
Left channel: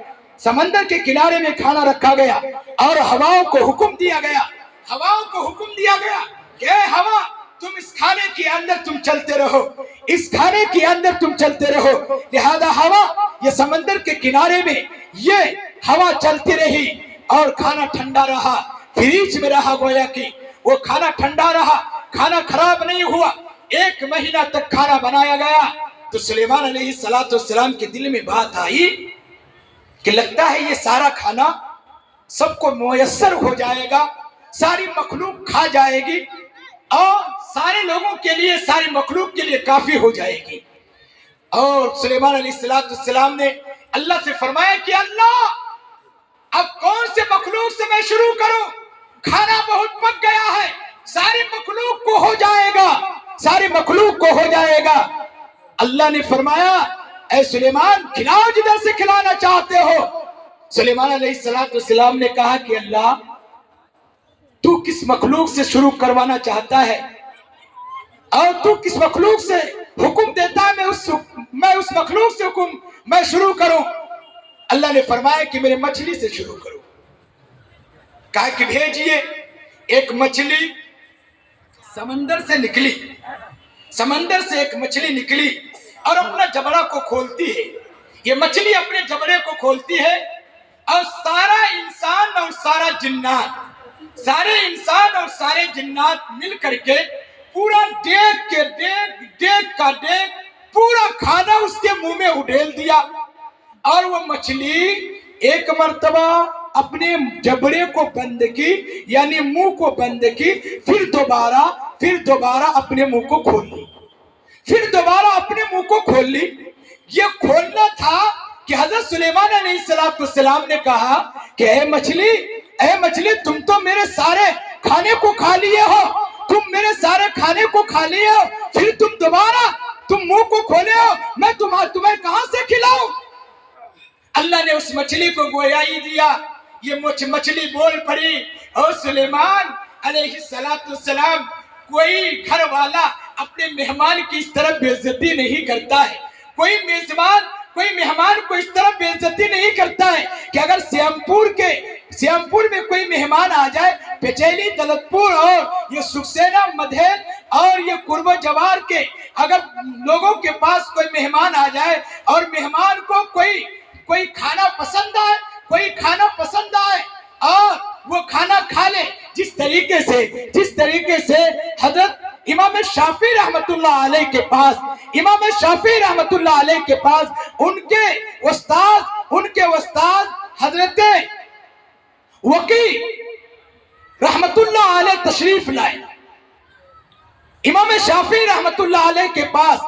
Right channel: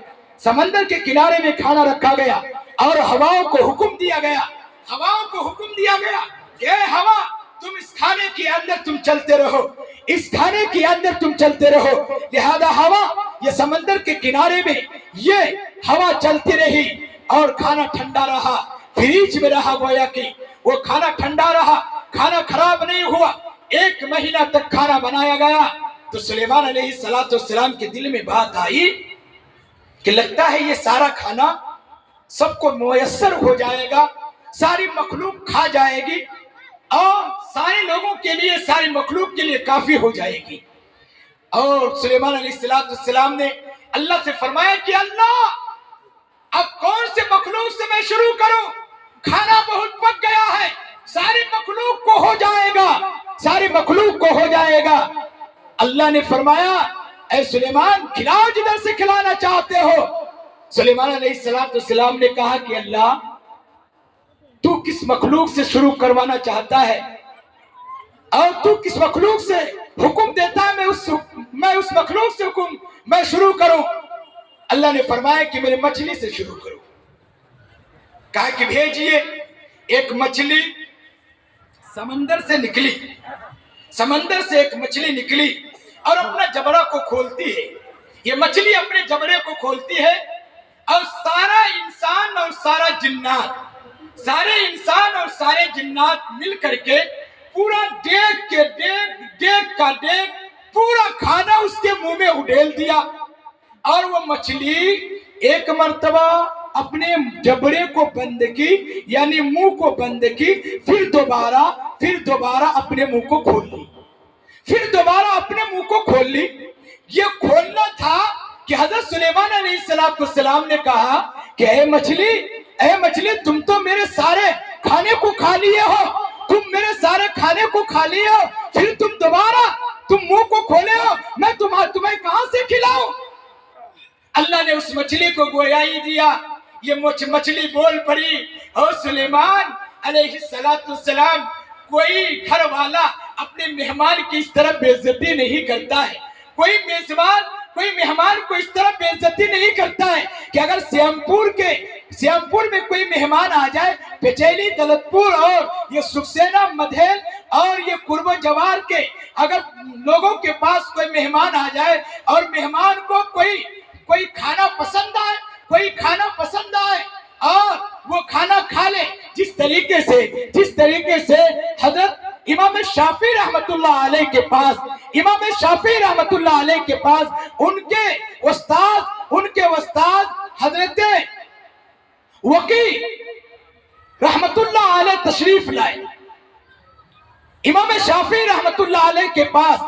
سمندر کے کنارے میں کھانا رکھا گیا، اور ہواؤں کو حکم دیا گیا، ہواؤں کو حکم دیا گیا کہ اے ہوا تم اس کھانے کے اندر تم چلتے رہو، اس کھانے کے اندر تم چلتے رہو۔ لہذا ہوا یہ سمندر کے کنارے میں یہ ہوا چلتی رہی اور کھانا ٹھنڈا رہا، فریج میں رہا، گویا کہ وہ کھانا ٹھنڈا رہا، کھانا خراب نہیں ہوا، 1 مہینہ تک کھانا بنایا گیا۔ تو سلیمان علیہ السلام کے دل میں بات آئی کہ لگتا ہے یہ سارا کھانا سب کو میسر ہو جائے گا، ساری مخلوق کھا جائے گی اور سارے لوگوں کے لیے، ساری مخلوق کے لیے کافی ہو جائے گی۔ اور سلیمان علیہ السلام نے اللہ سے فرمایا کہ اللہ اب کون سے مخلوق سے میں شروع کروں، کھانا بہت پک گیا ہے، ساری مخلوق کو ہو جائے گا، ساری مخلوق کو ہو جائے گا۔ اللہ نے فرمایا اے سلیمان کھلاؤ جدھر سے کھلانا چاہتے ہو۔ سلیمان علیہ السلام نے کہا کہ اللہ تو کس مخلوق سے شروع کروانا چاہتا ہے اور تو کس مخلوق سے حکم دیتا ہے میں اس مخلوق سے میں شروع کروں۔ اللہ نے فرمایا کہ میرے مچھلی سے شروع کرو، کہا کہ بھیجئے۔ ایک مچھلی سمندر سے نکلی، سمندر سے ایک مچھلی نکلی اور اپنا جبڑا کو کھولتی ہے، یہ مچھلی اپنے جبڑے کو کھولتی ہے اور سارا انسان اور سارا جنات، سارے انسان اور سارے جنات مل کر کے پورا دیگ کا پورا کھانا اس کے منہ میں اڈیل دیا، اور وہ مچھلی ایک مرتبہ اپنے جبڑے کو بند کی، یعنی منہ کو بند کی، پھر دوبارہ اپنے منہ کو کھول لی، پھر دوبارہ اپنے منہ کو کھول لی۔ یہ کھولنا تھا کہ حضرت سلیمان علیہ السلام نے کہا کہ اے مچھلی تم تو میرے سارے کھانے کو کھا لیے ہو، تم میرے سارے کھانے کو کھا لیے ہو، پھر تم دوبارہ منہ کو کھولے ہو، میں تمہیں کہاں سے کھلاؤں؟ اللہ نے اس مچھلی کو گویائی دیا، یہ مچھلی بول پڑی اور سلیمان علیہ السلام کوئی گھر والا اپنے مہمان کی اس طرح بے عزتی نہیں کرتا ہے، کوئی مہمان کو اس طرح بے عزتی نہیں کرتا ہے کہ اگر سیام پور میں کوئی مہمان آ جائے، پچیلی، دلت پور اور یہ سکسینہ، مدھیل اور یہ قرب و جوار کے اگر لوگوں کے پاس کوئی مہمان آ جائے اور مہمان کو کوئی کھانا پسند آئے اور وہ کھانا کھا لے، جس طریقے سے حضرت امام شافعی رحمت اللہ علیہ کے پاس ان کے استاد حضرت وقی رحمت اللہ علیہ تشریف لائے۔ امام شافعی رحمت اللہ علیہ کے پاس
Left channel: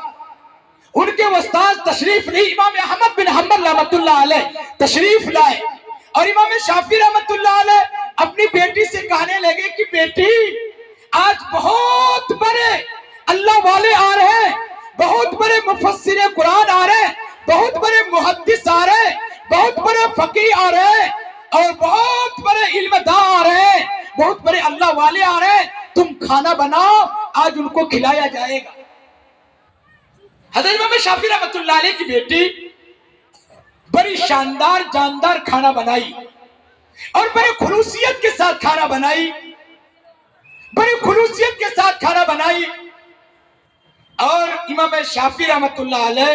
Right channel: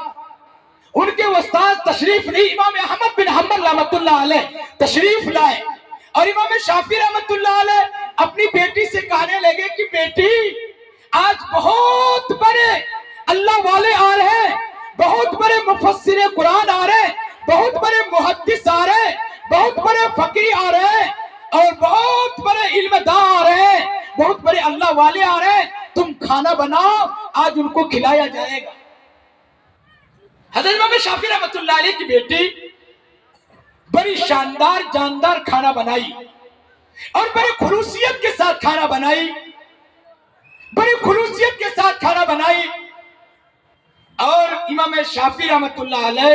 ان کے استاد تشریف نہیں، امام احمد بن حنبل رحمت اللہ علیہ تشریف لائے، اور امام شافعی رحمت اللہ علیہ اپنی بیٹی سے کہنے لگے کہ بیٹی آج بہت بڑے اللہ والے آ رہے ہیں، بہت بڑے مفسر قرآن آ رہے ہیں، بہت بڑے محدث آ رہے ہیں، بہت بڑے فقیہ آ رہے ہیں اور بہت بڑے علم داں آ رہے ہیں، بہت بڑے اللہ والے آ رہے ہیں، تم کھانا بناؤ، آج ان کو کھلایا جائے گا۔ حضرت امام شافعی رحمت اللہ علیہ کی بیٹی بڑی شاندار جاندار کھانا بنائی اور بڑی خلوصیت کے ساتھ کھانا بنائی، اور امام شافعی رحمت اللہ علیہ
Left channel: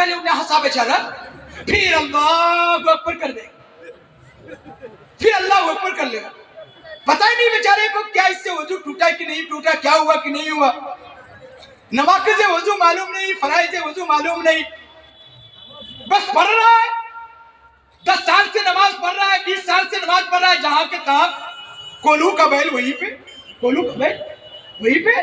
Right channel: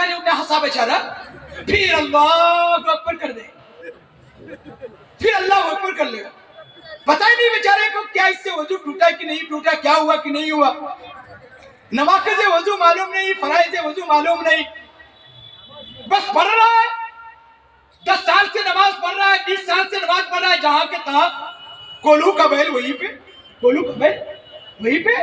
کہنے انہیں ہنسا بیچارہ، پھر اللہ اکبر کر دے، پھر اللہ اکبر کر لے گا. پتہ ہی نہیں بیچارے کو کیا اس سے وضو ٹوٹا کہ نہیں ٹوٹا، کیا ہوا کہ نہیں ہوا. نواقض وضو معلوم نہیں، فرائض وضو معلوم نہیں، بس پڑھ رہا ہے. 10 سال سے نماز پڑھ رہا ہے، 20 سال سے نماز پڑھ رہا ہے، جہاں کے تھا کولو کا بیل وہیں پہ، کولو کا بیل وہیں پہ.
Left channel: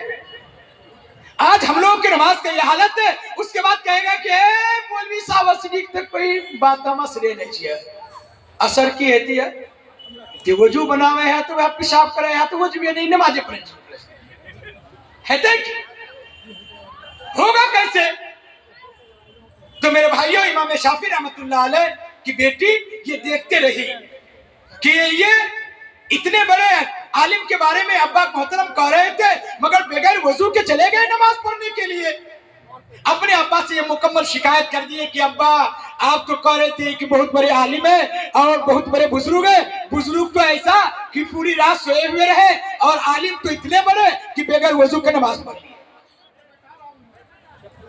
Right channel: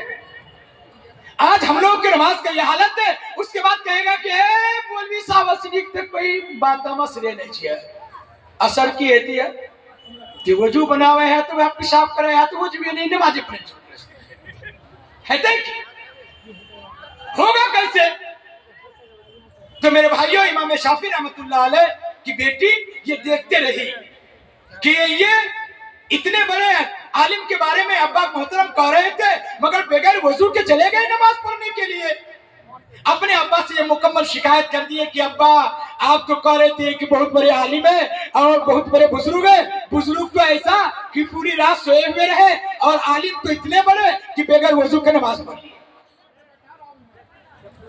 آج ہم لوگوں کی نماز کا یہ حالت ہے. اس کے بعد کہے گا کہ اے مولوی صاحب صدیق تک کوئی بات مسئلے نہیں چاہیے. اثر کی ہوتی ہے کہ وضو بنا ہوئے ہے تو وہ پیشاب کرے ہے تو وضو بھی نہیں، نمازیں پڑھیں ہے دیکھ ہوگا کیسے. تو میرے بھائیوں، امام شافعی رحمۃ اللہ علیہ کی بیٹی یہ دیکھتے رہی کہ یہ اتنے بڑے عالم کے بارے میں ابا محترم کہہ رہے تھے، مگر بغیر وضو کے چلے گئے نماز پڑھنے کے لیے. اپنے ابا سے یہ مکمل شکایت کر دیے کہ ابا آپ تو کہہ رہے تھے کہ بہت بڑے عالم ہیں اور بہت بڑے بزرگ ہیں، بزرگ تو ایسا کہ پوری رات سوئے ہوئے رہے، اور عالم تو اتنے بڑے کہ بغیر وضو کے نماز پڑھ لی.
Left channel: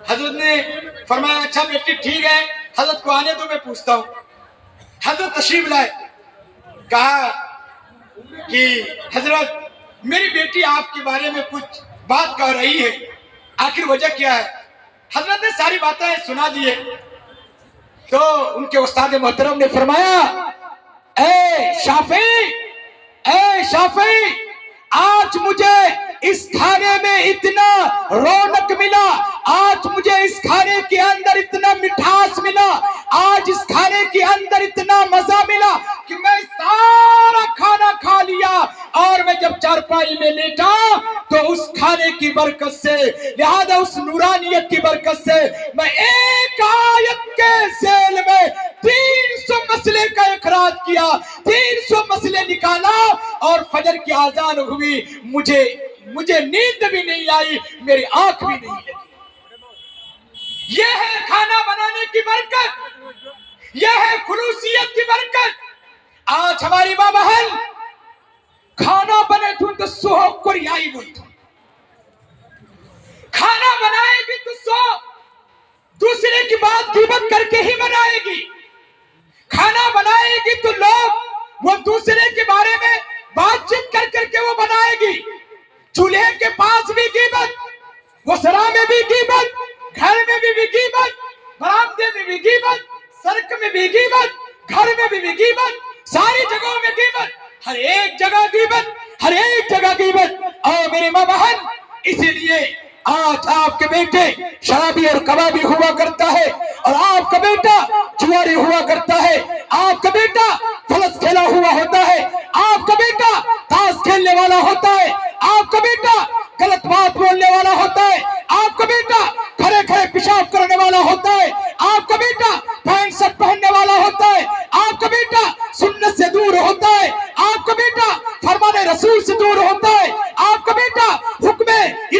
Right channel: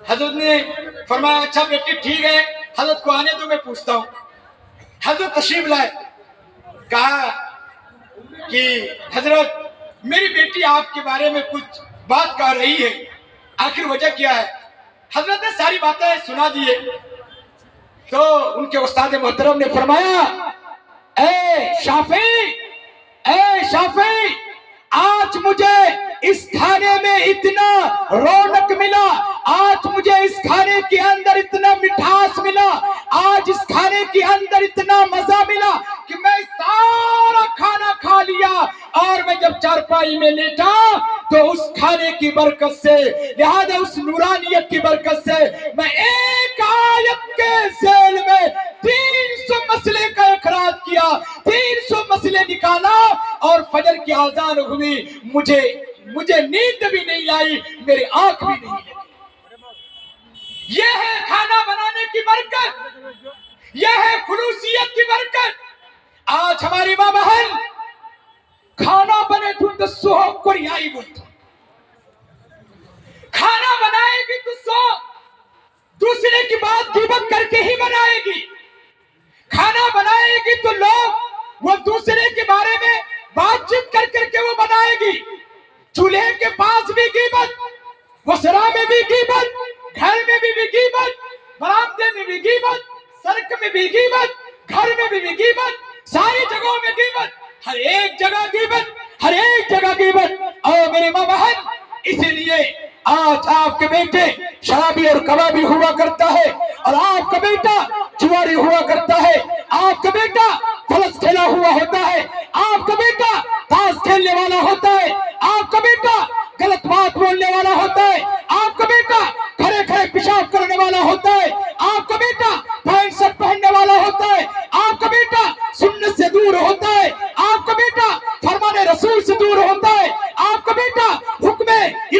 حضرت نے فرمایا اچھا بیٹی ٹھیک ہے، حضرت کو آنے دو میں پوچھتا ہوں. حضرت تشریف لائے، کہا کہ حضرت میری بیٹی آپ کے بارے میں کچھ بات کہہ رہی ہے، آخر وجہ کیا ہے؟ حضرت نے ساری باتیں سنا دیے. تو ان کے استاد محترم نے فرمایا اے شافعی، آج مجھے اس کھانے میں اتنا رونق ملا، آج مجھے اس کھانے کے اندر اتنا مٹھاس ملا، آج اس کھانے کے اندر اتنا مزہ ملا کہ میں سارا کھانا کھا لیا، اور میں جب چارپائی میں لیٹا تو اس کھانے کی برکت سے، لہذا اس نورانیت کی برکت سے میں ایک آیت کے ذیل میں 300 مسئلے کا اخراج کیا، 300 مسئلے نکالا، اور فجر کی اذان ہوئی، مجھے نیند بھی نہیں آئی، میری آنکھ بھی نہیں لگی. یہ ہے کھانا بنانے کی برکت، یہ ہے خلوصیت کی برکت. آج ہماری ماں بہن کھانا بنے تو سوہب کو ریائی بولتا، کھانا بنائے گی تو سو دوسرے کی بات غیبت کر کے ہی بنائے گی. کھانا بنائے گی تو لوگ وہ دوسرے کے بارے میں بات چیت کر کے وہ بنائے گی. چولہے کے پاس بھی غیبت، وسرا میں بھی غیبت، گھر میں بھی غیبت، برآمدے میں بھی غیبت، سڑک میں بھی غیبت، گھر میں بھی غیبت، ساری جگہوں میں غیبت، ہر ایک جگہ غیبت، ہر ایک جگہ غیبت. اور میرے ماں بہن، اسی لیے آج آپ کے بیٹے شرابی اور کبابی ہوا کرتا ہے، اور آپ کا بیٹا جواری ہوا کرتا ہے، آپ کا بیٹا فلس کھیلا ہوا ہوتا ہے، آپ کا بیٹا تاش کھیلنے والا ہوتا ہے، آپ کا بیٹا غلط بات بولنے والا ہوتا ہے، آپ کا بیٹا کھڑے کھڑے پیشاب کرنے والا ہوتا ہے، آپ کا بیٹا پینٹ شرٹ پہننے والا ہوتا ہے، آپ کا بیٹا سنت سے دور ہوتا ہے، آپ کا بیٹا فرمان رسول سے دور ہوتا ہے، آپ کا بیٹا حکم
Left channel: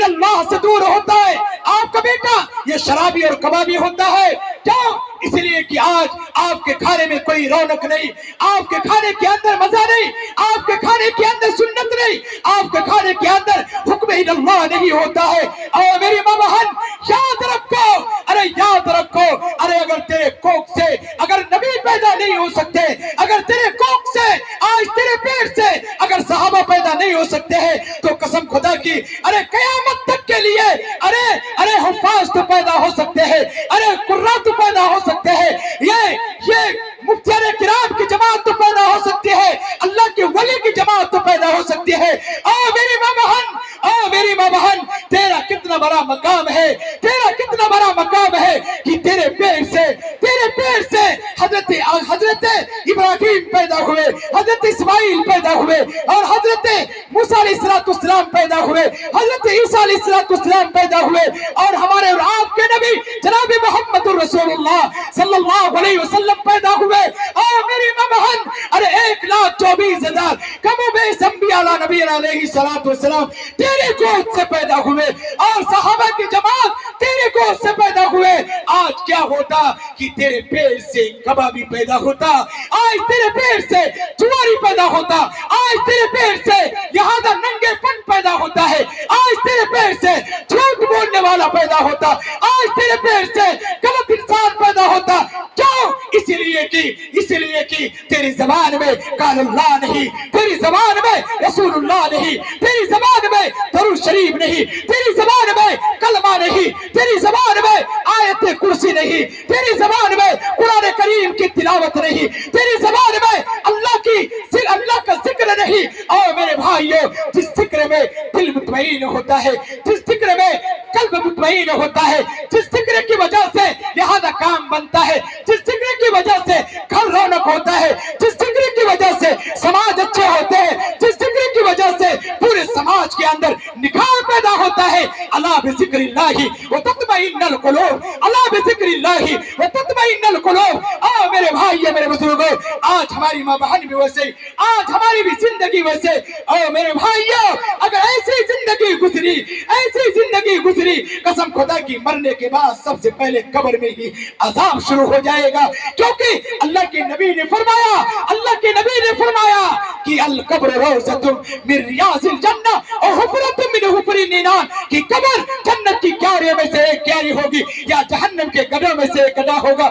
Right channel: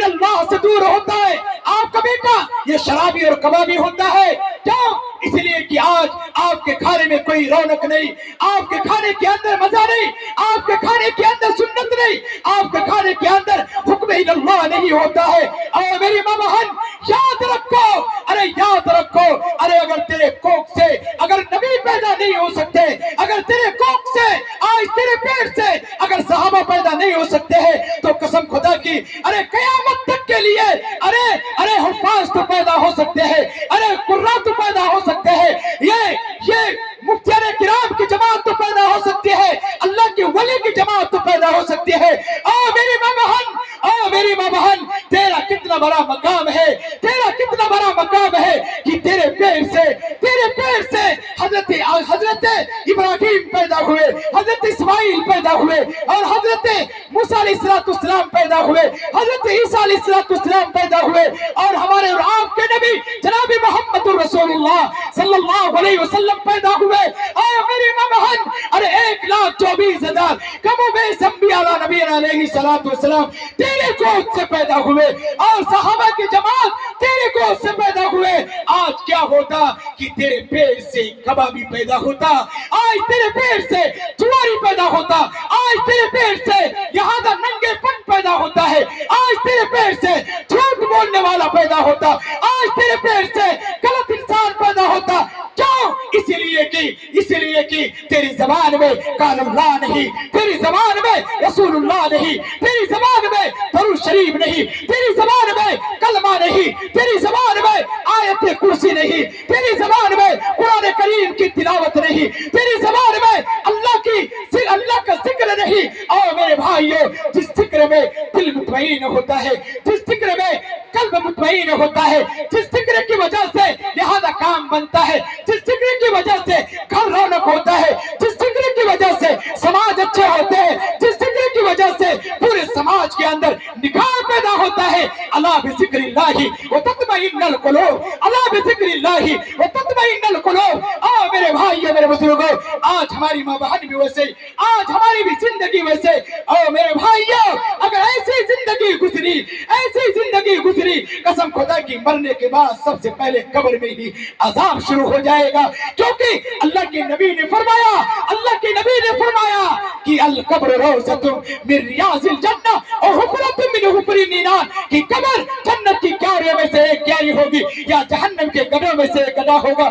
اللہ سے دور ہوتا ہے، آپ کا بیٹا یہ شرابی اور کبابی ہوتا ہے. کیوں؟ اس لیے کہ آج آپ کے کھانے میں کوئی رونق نہیں، آپ کے کھانے کے اندر مزہ نہیں، آپ کے کھانے کے اندر سنت نہیں، آپ کے کھانے کے اندر حکم اللہ نہیں ہوتا ہے. اور میری ماں بہن یاد رکھو، ارے یاد رکھو، ارے اگر تیرے کوکھ سے اگر نبی پیدا نہیں ہو سکتے، اگر تیرے کوکھ سے آج تیرے پیٹ سے اگر صحابہ پیدا نہیں ہو سکتے ہیں، تو قسم خدا کی ارے قیامت تک کے لیے ارے حفاظ تو پیدا ہو سکتے ہیں، ارے قرآ تو پیدا ہو سکتے ہیں، یہ مفتیان کرام کی جماعت تو پیدا ہو سکتی ہے، اللہ کے ولی کی جماعت تو پیدا ہو سکتی ہے. میری ماں بہن، تیرا کتنا بڑا مقام ہے، تیرا کتنا بڑا مقام ہے کہ تیرے پیر سے حضرت ابراہیم پیدا ہوئے، حضرت اسماعیل پیدا ہوئے، اور حضرت موسیٰ علیہ السلام پیدا ہوئے، حضرت عیسیٰ علیہ السلام پیدا ہوئے، اور ہمارے اور آپ کے نبی جناب محمد رسول اللہ صلی اللہ علیہ وسلم پیدا ہوئے. اور میری ماں بہن، ارے 1,24,000 کم و بیش انبیاء نبی علیہ السلام تیرے گود سے پیدا ہوئے، اور صحابہ کی جماعت تیرے گود سے پیدا ہوئے. آج کیا ہوتا کہ تیرے پیٹ سے کبابی پیدا ہوتا، آج تیرے پیٹ سے جواری پیدا ہوتا، آج تیرے پیٹ سے لہذا ننگے پن پیدا ہوتا ہے، آج تیرے پیٹ سے جھوٹ بولنے والا پیدا ہوتا، آج تیرے پیٹ سے غلط انسان قال اللہ نہیں، تیری زبان میں رسول اللہ نہیں، تیری زبان میں درود شریف نہیں، تیری زبان میں کلمہ نہیں، تیری زبان میں آیت کرسی نہیں، تیری زبان میں قرآن کریم کی تلاوت نہیں، تیری زبان میں اللہ کا ذکر نہیں۔ اور میرے بھائیو، جس ذکر میں دل مطمئن ہوتا ہے، جس ذکر میں قلب مطمئن ہوتا ہے، جس ذکر کی وجہ سے لہذا کام بنتا ہے، جس ذکر کی وجہ سے گھر رونق ہوتا ہے، جس ذکر کی وجہ سے سماج اچھے ہوتے ہیں، جس ذکر کی وجہ سے پورے سماج کے اندر نکاح پیدا ہوتا ہے، الا بذکر اللہ وتطمئن القلوب، الا بذکر اللہ وتطمئن القلوب۔ میرے بھائیو، میرے بزرگوں، آج ہماری ماں بہن بھی ویسے، آج ہماری بھی زندگی ویسے۔ میرے بھائیو، اگر ایسی زندگی گزری، ایسی زندگی گزری، قسم خدا کی مرنے کے بعد سب سے پہلے قبر میں ہی عذاب شروع ہو جائے گا، کیونکہ اللہ کے نبی نے فرمایا، اللہ کے نبی نے فرمایا کہ القبر روضۃ من ریاض الجنہ اور حفرۃ من حفر النار، کہ قبر جنت کی کیاریوں میں سے ایک کیاری ہوگی یا جہنم کے گڑھوں میں سے ایک گڑھا ہوگا۔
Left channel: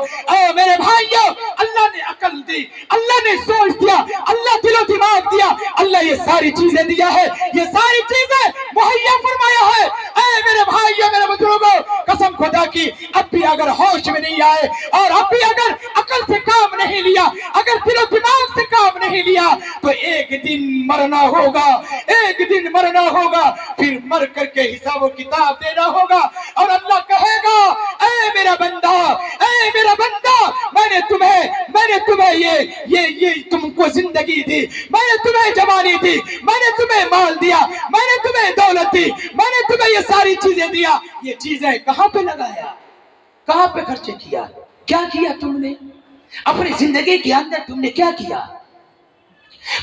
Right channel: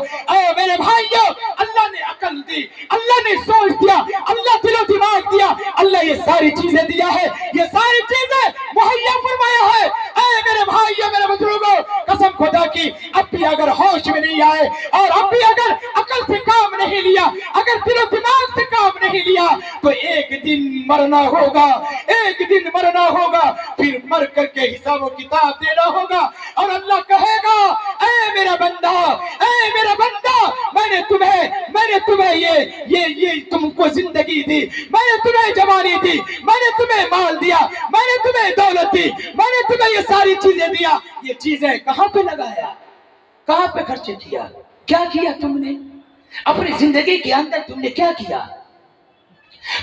میرے بھائیو، اللہ نے عقل دی، اللہ نے سوچ دیا، اللہ دل و دماغ دیا، اللہ یہ ساری چیزیں دیا ہے، یہ ساری چیزیں مہیا فرمایا ہے۔ میرے بھائیو، میرے بزرگوں، قسم خدا کی اب بھی اگر ہوش میں نہیں آئے اور اب بھی اگر عقل سے کام نہیں لیا، اگر دل و دماغ سے کام نہیں لیا، تو ایک دن مرنا ہوگا، ایک دن مرنا ہوگا، پھر مر کر کے حساب و کتاب دینا ہوگا، اور اللہ کہے گا، اے میرا بندہ، اے میرا بندہ، میں نے تمہیں یہ تم کو زندگی دی، میں نے تمہیں جوانی دی، میں نے تمہیں مال دیا، میں نے تمہیں دولت دی، میں نے تمہیں یہ ساری چیزیں دیا، یہ چیزیں کہاں پہ لگایا، کہاں پہ خرچ کیا، کیا کیا تم نے اپنی زندگی کے اندر، تم نے کیا کیا،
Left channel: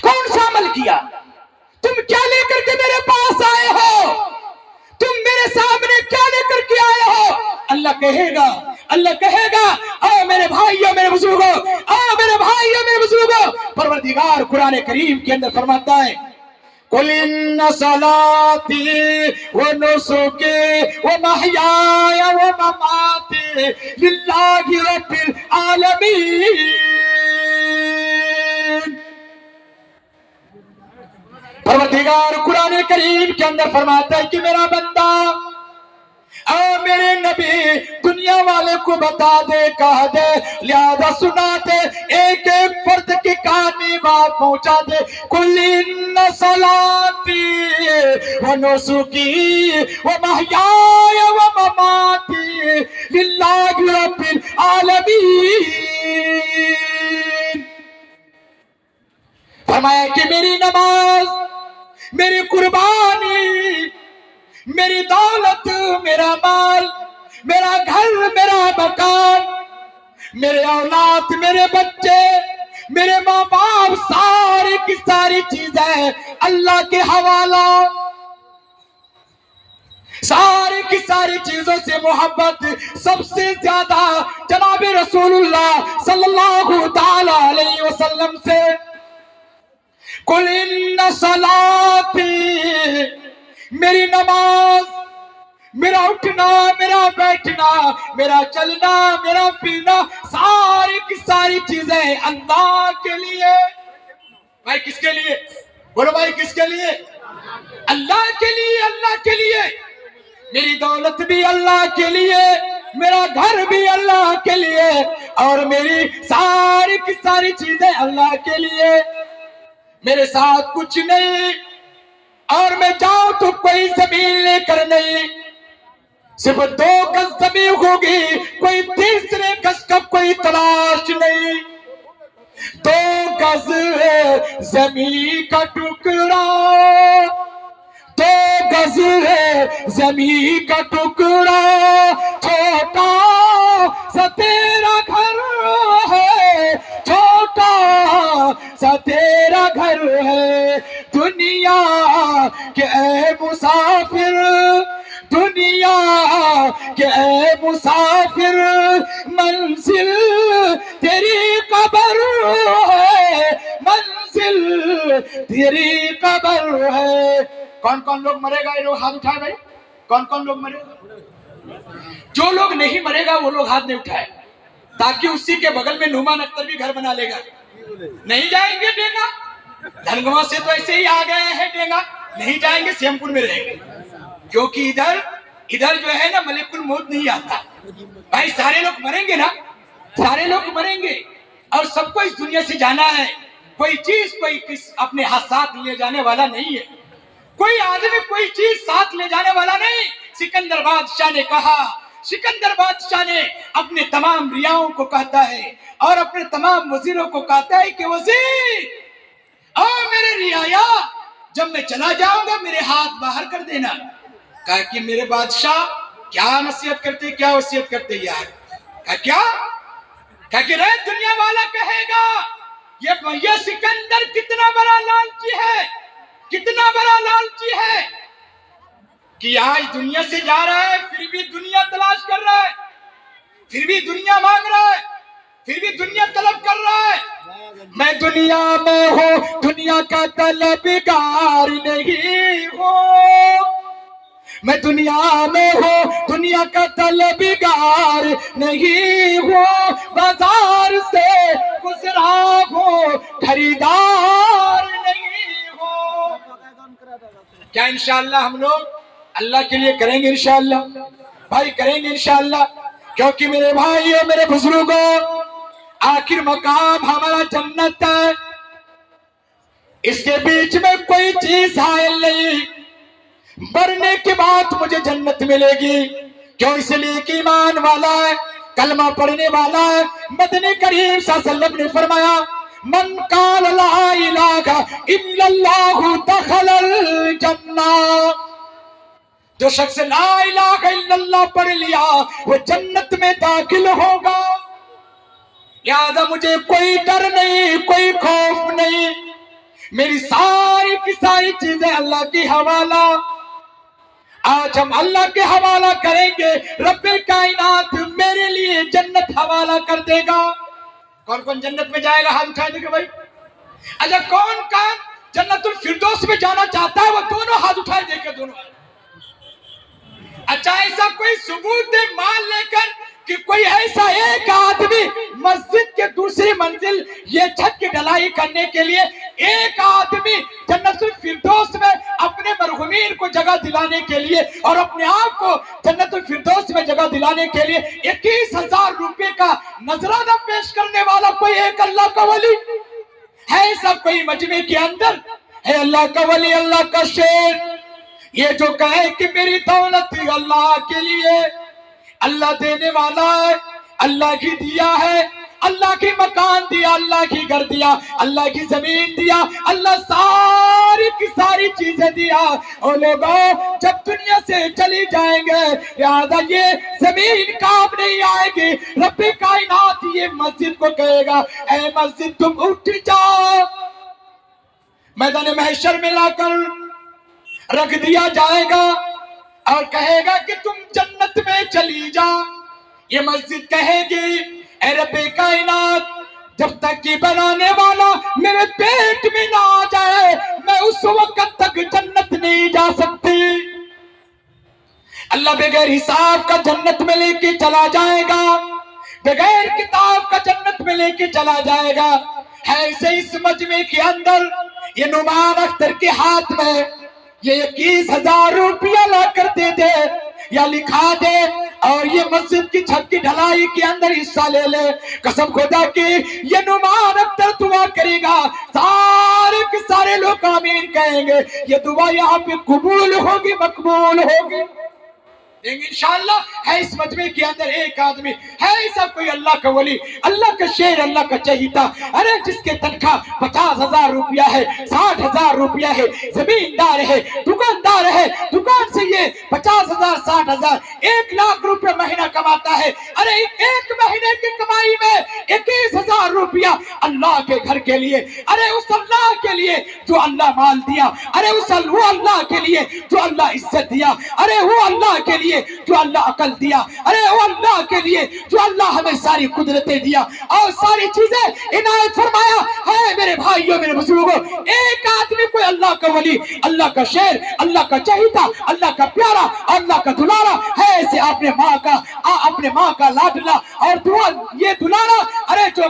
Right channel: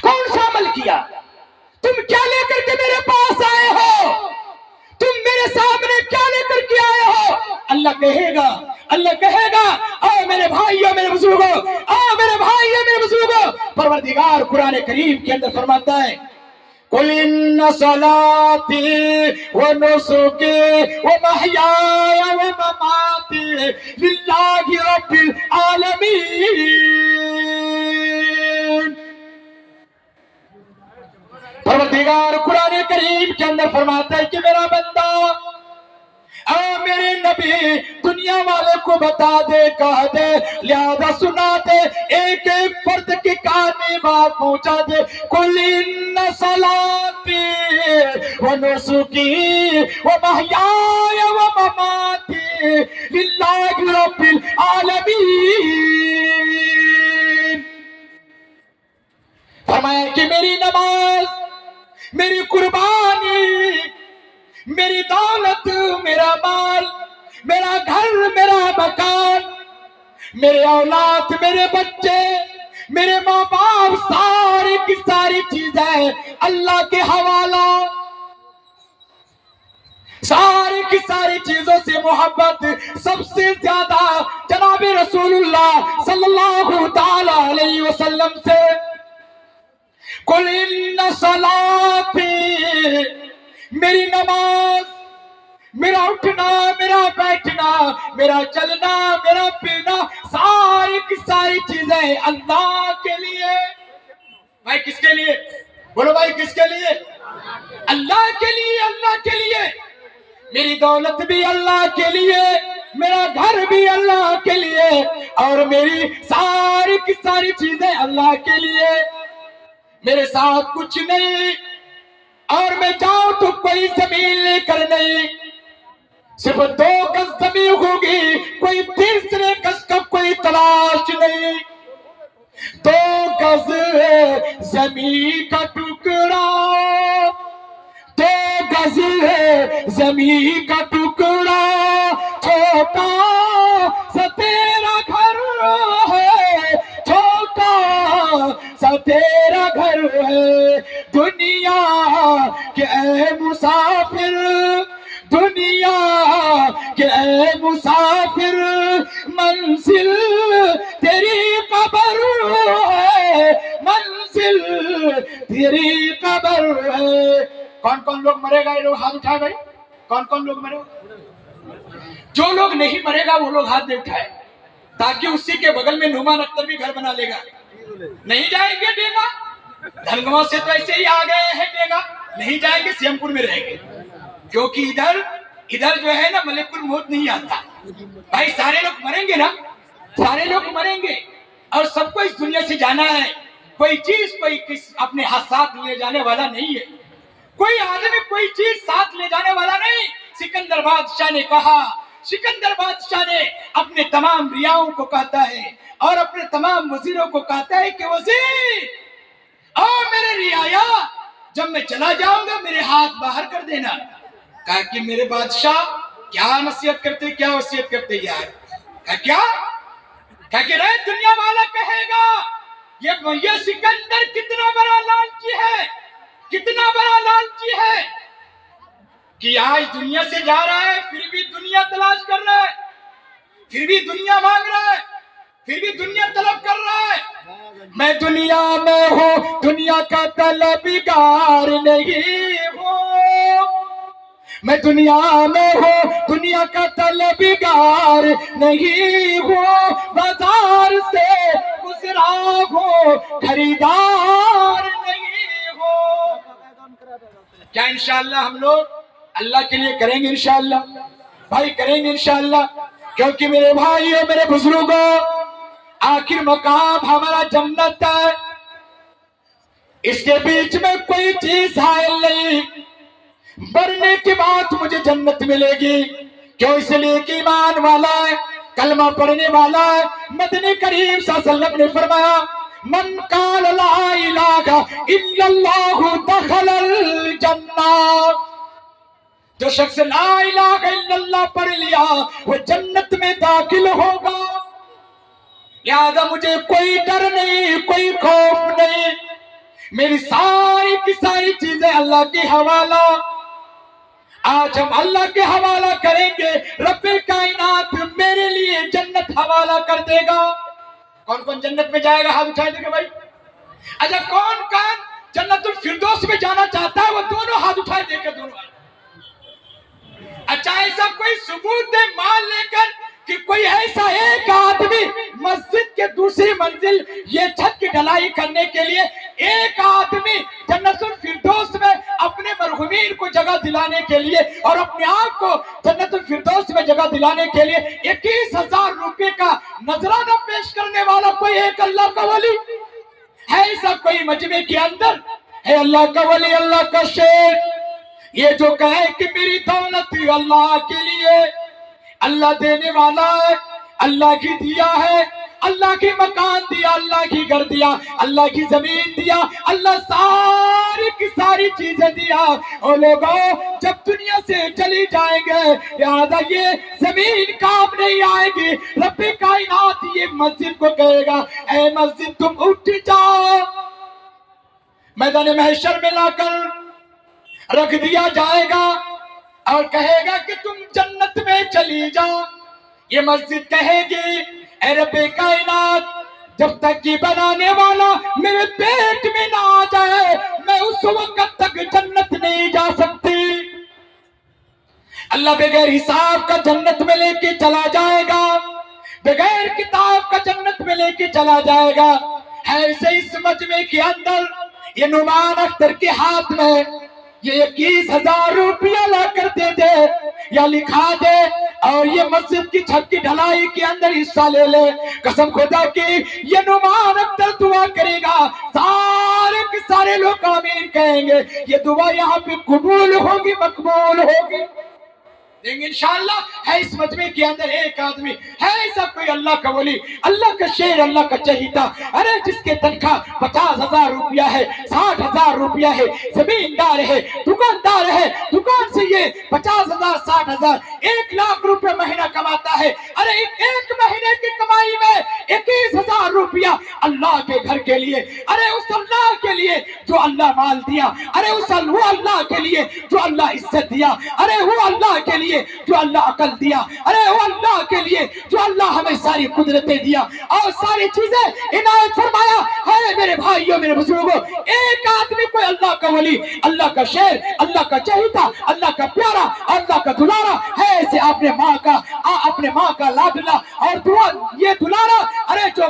کون سا عمل کیا، تم کیا لے کر کے میرے پاس آئے ہو، تم میرے سامنے کیا لے کر کے آئے ہو؟ اللہ کہے گا، اللہ کہے گا، میرے بھائیوں، میرے بزرگوں، میرے بھائیوں، میرے بزرگوں، پروردگار قرآن کریم کے اندر فرماتا ہے، قُلْ إِنَّ صَلَاتِي وَنُسُكِي وَمَحْيَايَ وَمَمَاتِي لِلَّهِ رَبِّ الْعَالَمِينَ۔ پروردگار قرآن کریم کے اندر فرماتا ہے کہ میرا بندہ، میرے نبی، دنیا والے کو بتا دے، کہہ دے، لہذا سنا دے، ایک ایک فرد کی کان میں بات پہنچا دے، قُلْ إِنَّ صَلَاتِي وَنُسُكِي وَمَحْيَايَ وَمَمَاتِي لِلَّهِ رَبِّ الْعَالَمِينَ۔ فرمایا کہ میری نماز، میری قربانی، میری دولت، میرا مال، میرا گھر، میرا مکان، میرے اولاد، میرے بچے، میرے ماں باپ، ساری کی ساری چیزیں اللہ کے حوالہ، ساری کی ساری چیزوں سے محبت سب سے زیادہ جناب رسول اللہ صلی اللہ تعالی علیہ وسلم سے۔ قُلْ إِنَّ صَلَاتِي، میری نماز، میرا اٹھنا، میرا بیٹھنا، میرا چلنا، میرا پینا، ساری کی ساری چیزیں اللہ کے لیے۔ بھائی کس کے لیے؟ بولو بھائی کس کے لیے؟ اللہ کے لیے، اللہ کے لیے۔ میری دولت بھی اللہ کے لیے، میرا گھر بھی اللہ کے لیے، اور میری ساری کی ساری چیزیں اللہ کے لیے۔ میرے ساتھ کچھ نہیں، اور میں جاؤں تو کوئی زمین لے کر نہیں، صرف 2 گز زمین ہوگی، کوئی تیسرے گز کا کوئی تلاش نہیں۔ 2 گز ہے زمین کا ٹکڑا، 2 گز ہے زمین کا ٹکڑا، چھوٹا سا تیرا گھر ہے، چھوٹا سا تیرا گھر ہے، دنیا کے اے مسافر، دنیا کے اے مسافر، منزل تیری قبر ہے، منزل تیری قبر ہے۔ کون کون لوگ مرے گا؟ یہ لوگ ہاتھ اٹھائے بھائی، کون کون لوگ مرے گا؟ جو لوگ نہیں مرے گا وہ لوگ ہاتھ نہیں اٹھائے، تاکہ اسی کے بغل میں نعمان اختر بھی گھر بنا لے گا۔ نہیں جائیں گے ڈینگا، دھنگوا سے تو ایسے ہی آ گئے ہیں ڈینگا، نہیں جائیں گے سیم پور میں رہیں گے، کیونکہ ادھر جو ہے نا ملک الموت نہیں آتا۔ بھائی سارے لوگ مریں گے نا، سارے لوگ مریں گے، اور سب کو اس دنیا سے جانا ہے، کوئی چیز کوئی اپنے ہاتھ ساتھ لے جانے والا نہیں ہے، کوئی آدمی کوئی چیز ساتھ لے جانے والا نہیں۔ سکندر بادشاہ نے کہا، سکندر بادشاہ نے اپنے تمام ریاؤں کو کہتا ہے اور اپنے تمام وزیروں کو کہتا ہے کہ وزیر اور میرے رعایا، جب میں چلا جاؤں گا میرے ہاتھ باہر کر دینا۔ کہا کہ میرے بادشاہ کیا نصیحت کرتے، کیا وصیت کرتے یار؟ کہا کہ رے دنیا والا کہے گا یہ سکندر کتنا بڑا لالچی ہے، کتنا بڑا لالچی ہے کہ آج دنیا سے جا رہا ہے پھر بھی دنیا تلاش کر رہا ہے، پھر بھی دنیا مانگ رہا ہے، پھر بھی دنیا طلب کر رہا ہے۔ میں دنیا میں ہوں، دنیا کا طلبگار نہیں ہوں، میں دنیا میں ہوں، دنیا کا طلبگار نہیں ہوں، بازار سے گزرا ہوں، خریدار نہیں ہوں۔ کیا انشاءاللہ ہم لوگ اللہ کے لیے کریں گے؟ انشاءاللہ بھائی کریں گے انشاءاللہ، کیونکہ میرے بھائیوں میرے بزرگوں آخر مقام ہمارا جنت ہے، اس کے بیچ میں کوئی چیز حائل نہیں، مرنے کے بعد مجھے جنت ملے گی، کیوں؟ اس لیے کہ ایمان والا ہے، کلمہ پڑھنے والا ہے۔ مدنی کریم صلی اللہ علیہ وسلم نے فرمایا من قال لا الہ الا اللہ دخل الجنہ، جو شخص لا الہ الا اللہ پڑھ لیا وہ جنت میں داخل ہوگا۔ لہذا مجھے کوئی ڈر نہیں، کوئی خوف نہیں، میری ساری کی ساری چیزیں اللہ کی حوالہ۔ آج ہم اللہ کے حوالہ کریں گے، رب کائنات میرے لیے جنت حوالہ کر دے گا۔ کون کون جنت میں جائے گا؟ ہاتھ اٹھائے دے گا بھائی۔ اچھا کون کون جنت الفردوس میں جانا چاہتا ہے؟ وہ دونوں ہاتھ اٹھائے دے گا، دونوں۔ اچھا ایسا کوئی ثبوت دے مال لے کر کہ کوئی ایسا ایک آدمی مسجد کے دوسری منزل یہ چھت کی ڈھلائی کرنے کے لیے ایک آدمی جنت الفردوس میں اپنے مرحومین کو جگہ دلانے کے لیے اور اپنے آپ کو جنت الفردوس میں جگہ دلانے کے لیے 21,000 روپے کا نذرانہ پیش کرنے والا کوئی ایک اللہ کا ولی ہے؟ ایسا کوئی مجمع کے اندر ہے اللہ کا ولی، اللہ کا شیر، یہ جو کہے کہ میری دولت اللہ کے لیے، اللہ دینے والا ہے، اللہ کی دیا ہے، اللہ کی مکان دیا، اللہ کی گھر دیا، اللہ کی زمین دیا، اللہ ساری کی ساری چیزیں دیا، اور لوگوں جب دنیا سے چلی جائیں گے لہذا یہ زمین کام نہیں آئے گی، رب کائنات یہ مسجد کو کہے گا اے مسجد تم اٹھ جاؤ، میدان محشر میں لا کر رکھ دیا جائے گا اور کہے گا کہ تم جنت میں چلی جا۔ یہ مسجد کہے گی اے رب کائنات جب تک یہ بنانے والا میرے پیٹ میں نہ آ جائے میں اس وقت تک جنت نہیں جا سکتی۔ اللہ بغیر حساب کا جنت میں لے کے چلا جائے گا، بغیر کتاب کا جنت میں لے کے چلا جائے گا۔ ایسے اس مجمع کے اندر یہ نعمان اختر کے ہاتھ میں یہ 21,000 روپیہ لا کر دے دے یا لکھا دے اور یہ مسجد کی چھت کی ڈھلائی کے اندر حصہ لے لے، قسم خدا کی یہ نعمان اختر دعا کرے گا، سارے کے سارے لوگ آمین کہیں گے، یہ دعا یہاں پہ قبول ہوگی، مقبول ہوگی۔ لیکن انشاءاللہ ہے اس مجمع کے اندر ایک آدمی ہے ایسا کوئی اللہ کا ولی، اللہ کا شیر، اللہ کا چہیتا، ارے جس کے تنخواہ 50,000 روپیہ ہے، 60,000 روپیہ ہے، زمیندار ہے، دکاندار ہے، دکان سے یہ 50,000 60,000 1,00,000 روپے مہینہ کماتا ہے، ارے ایک مہینے کی کمائی میں 21,000 روپیہ اللہ کے گھر کے لیے، ارے اس اللہ کے لیے جو اللہ مال دیا، ارے وہ اللہ کے لیے جو اللہ عزت دیا، ارے وہ اللہ کے لیے لیے جو اللہ عقل دیا، ارے وہ اللہ کے لیے جو اللہ ہمیں ساری قدرتیں دیا اور ساری چیزیں عنایت فرمایا ہے۔ میرے بھائیوں، میرے بزرگوں، ایک آدمی کوئی اللہ کا ولی، اللہ کا شیر، اللہ کا چہیتا، اللہ کا پیارا، اللہ کا دلارا ہے، ایسے اپنے ماں کا لاڈلا اور یہ دلارا، ارے جو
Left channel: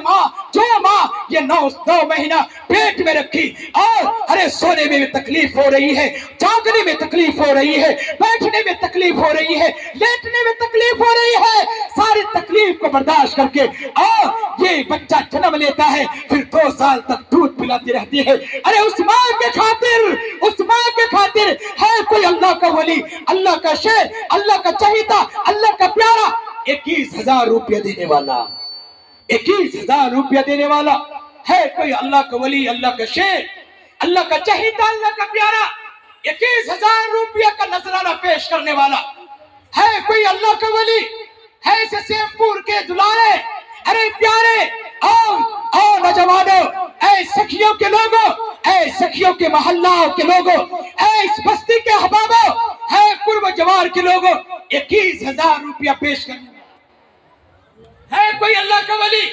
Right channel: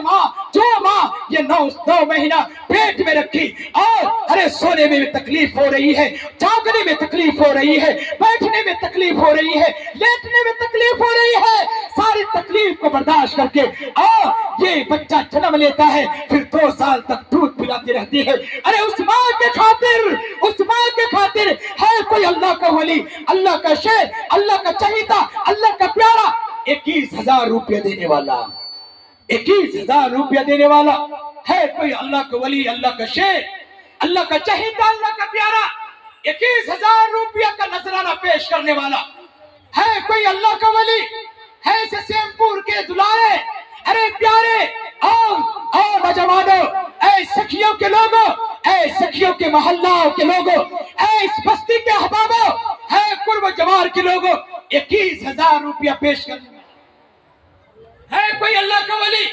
ماں یہ 9 مہینہ پیٹ میں رکھی اور ارے سونے میں بھی تکلیف ہو رہی ہے، جاگنے میں تکلیف ہو رہی ہے، بیٹھنے میں تکلیف ہو رہی ہے، لیٹنے میں تکلیف ہو رہی ہے، ساری تکلیف کو برداشت کر کے اور یہ بچہ جنم لیتا ہے، پھر 2 سال تک دودھ پلاتی رہتی ہے۔ ارے اس ماں کے خاطر ہے کوئی اللہ کا ولی، اللہ کا شیر، اللہ کا چہیتا، اللہ کا پیارا 21,000 روپیہ دینے والا، 21,000 روپیہ دینے والا ہے کوئی اللہ کا ولی، اللہ کا شیر، اللہ کا چہیتا، اللہ کا پیارا 21,000 روپیہ کا نذرانہ پیش کرنے والا ہے کوئی اللہ کا ولی، ہے اسے سیمپور کے دلارے، ارے پیارے اور نوجوانوں، اے سکھیوں کے لوگوں، اے سکھیوں کے محلوں کے لوگوں، اے اس بستی کے احبابوں، ہے قرب و جوار کے لوگوں، 21,000 روپیہ پیش کرنے والا ہے کوئی اللہ کا ولی،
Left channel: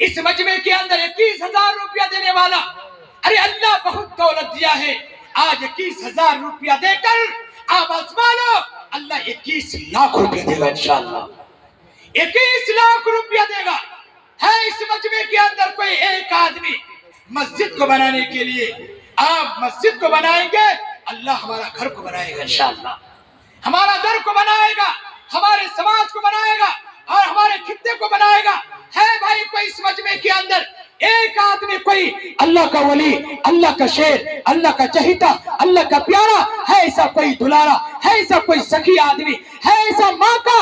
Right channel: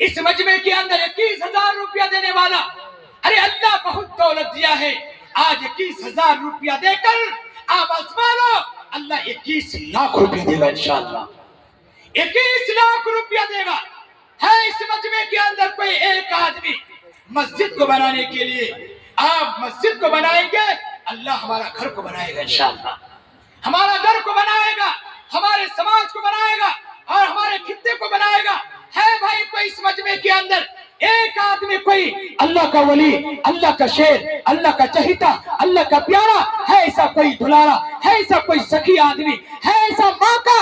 اس مجمع کے اندر 21,000 روپیہ دینے والا۔ ارے اللہ بہت دولت دیا ہے، آج 21,000 روپیہ دے کر آپ آزمانو، اللہ 21 لاکھ روپیہ دے گا انشاءاللہ، 21 لاکھ روپیہ دے گا۔ ہے اس مجمع کے اندر کوئی ایک آدمی مسجد کو بنانے کے لیے، آپ مسجد کو بنائیں گے، اللہ ہمارا گھر کو بنائے گا انشاءاللہ، ہمارا در کو بنائے گا، ہمارے سماج کو بنائے گا اور ہمارے خطے کو بنائے گا۔ ہے بھائی کوئی اس مجمع کے اندر ایک آدمی کوئی اللہ کا ولی، اللہ کا شیر، اللہ کا چہیتا، اللہ کا پیارا ہے، ایسا کوئی دلارا ہے، ایسا کوئی سخی آدمی ہے، ایسا ماں کا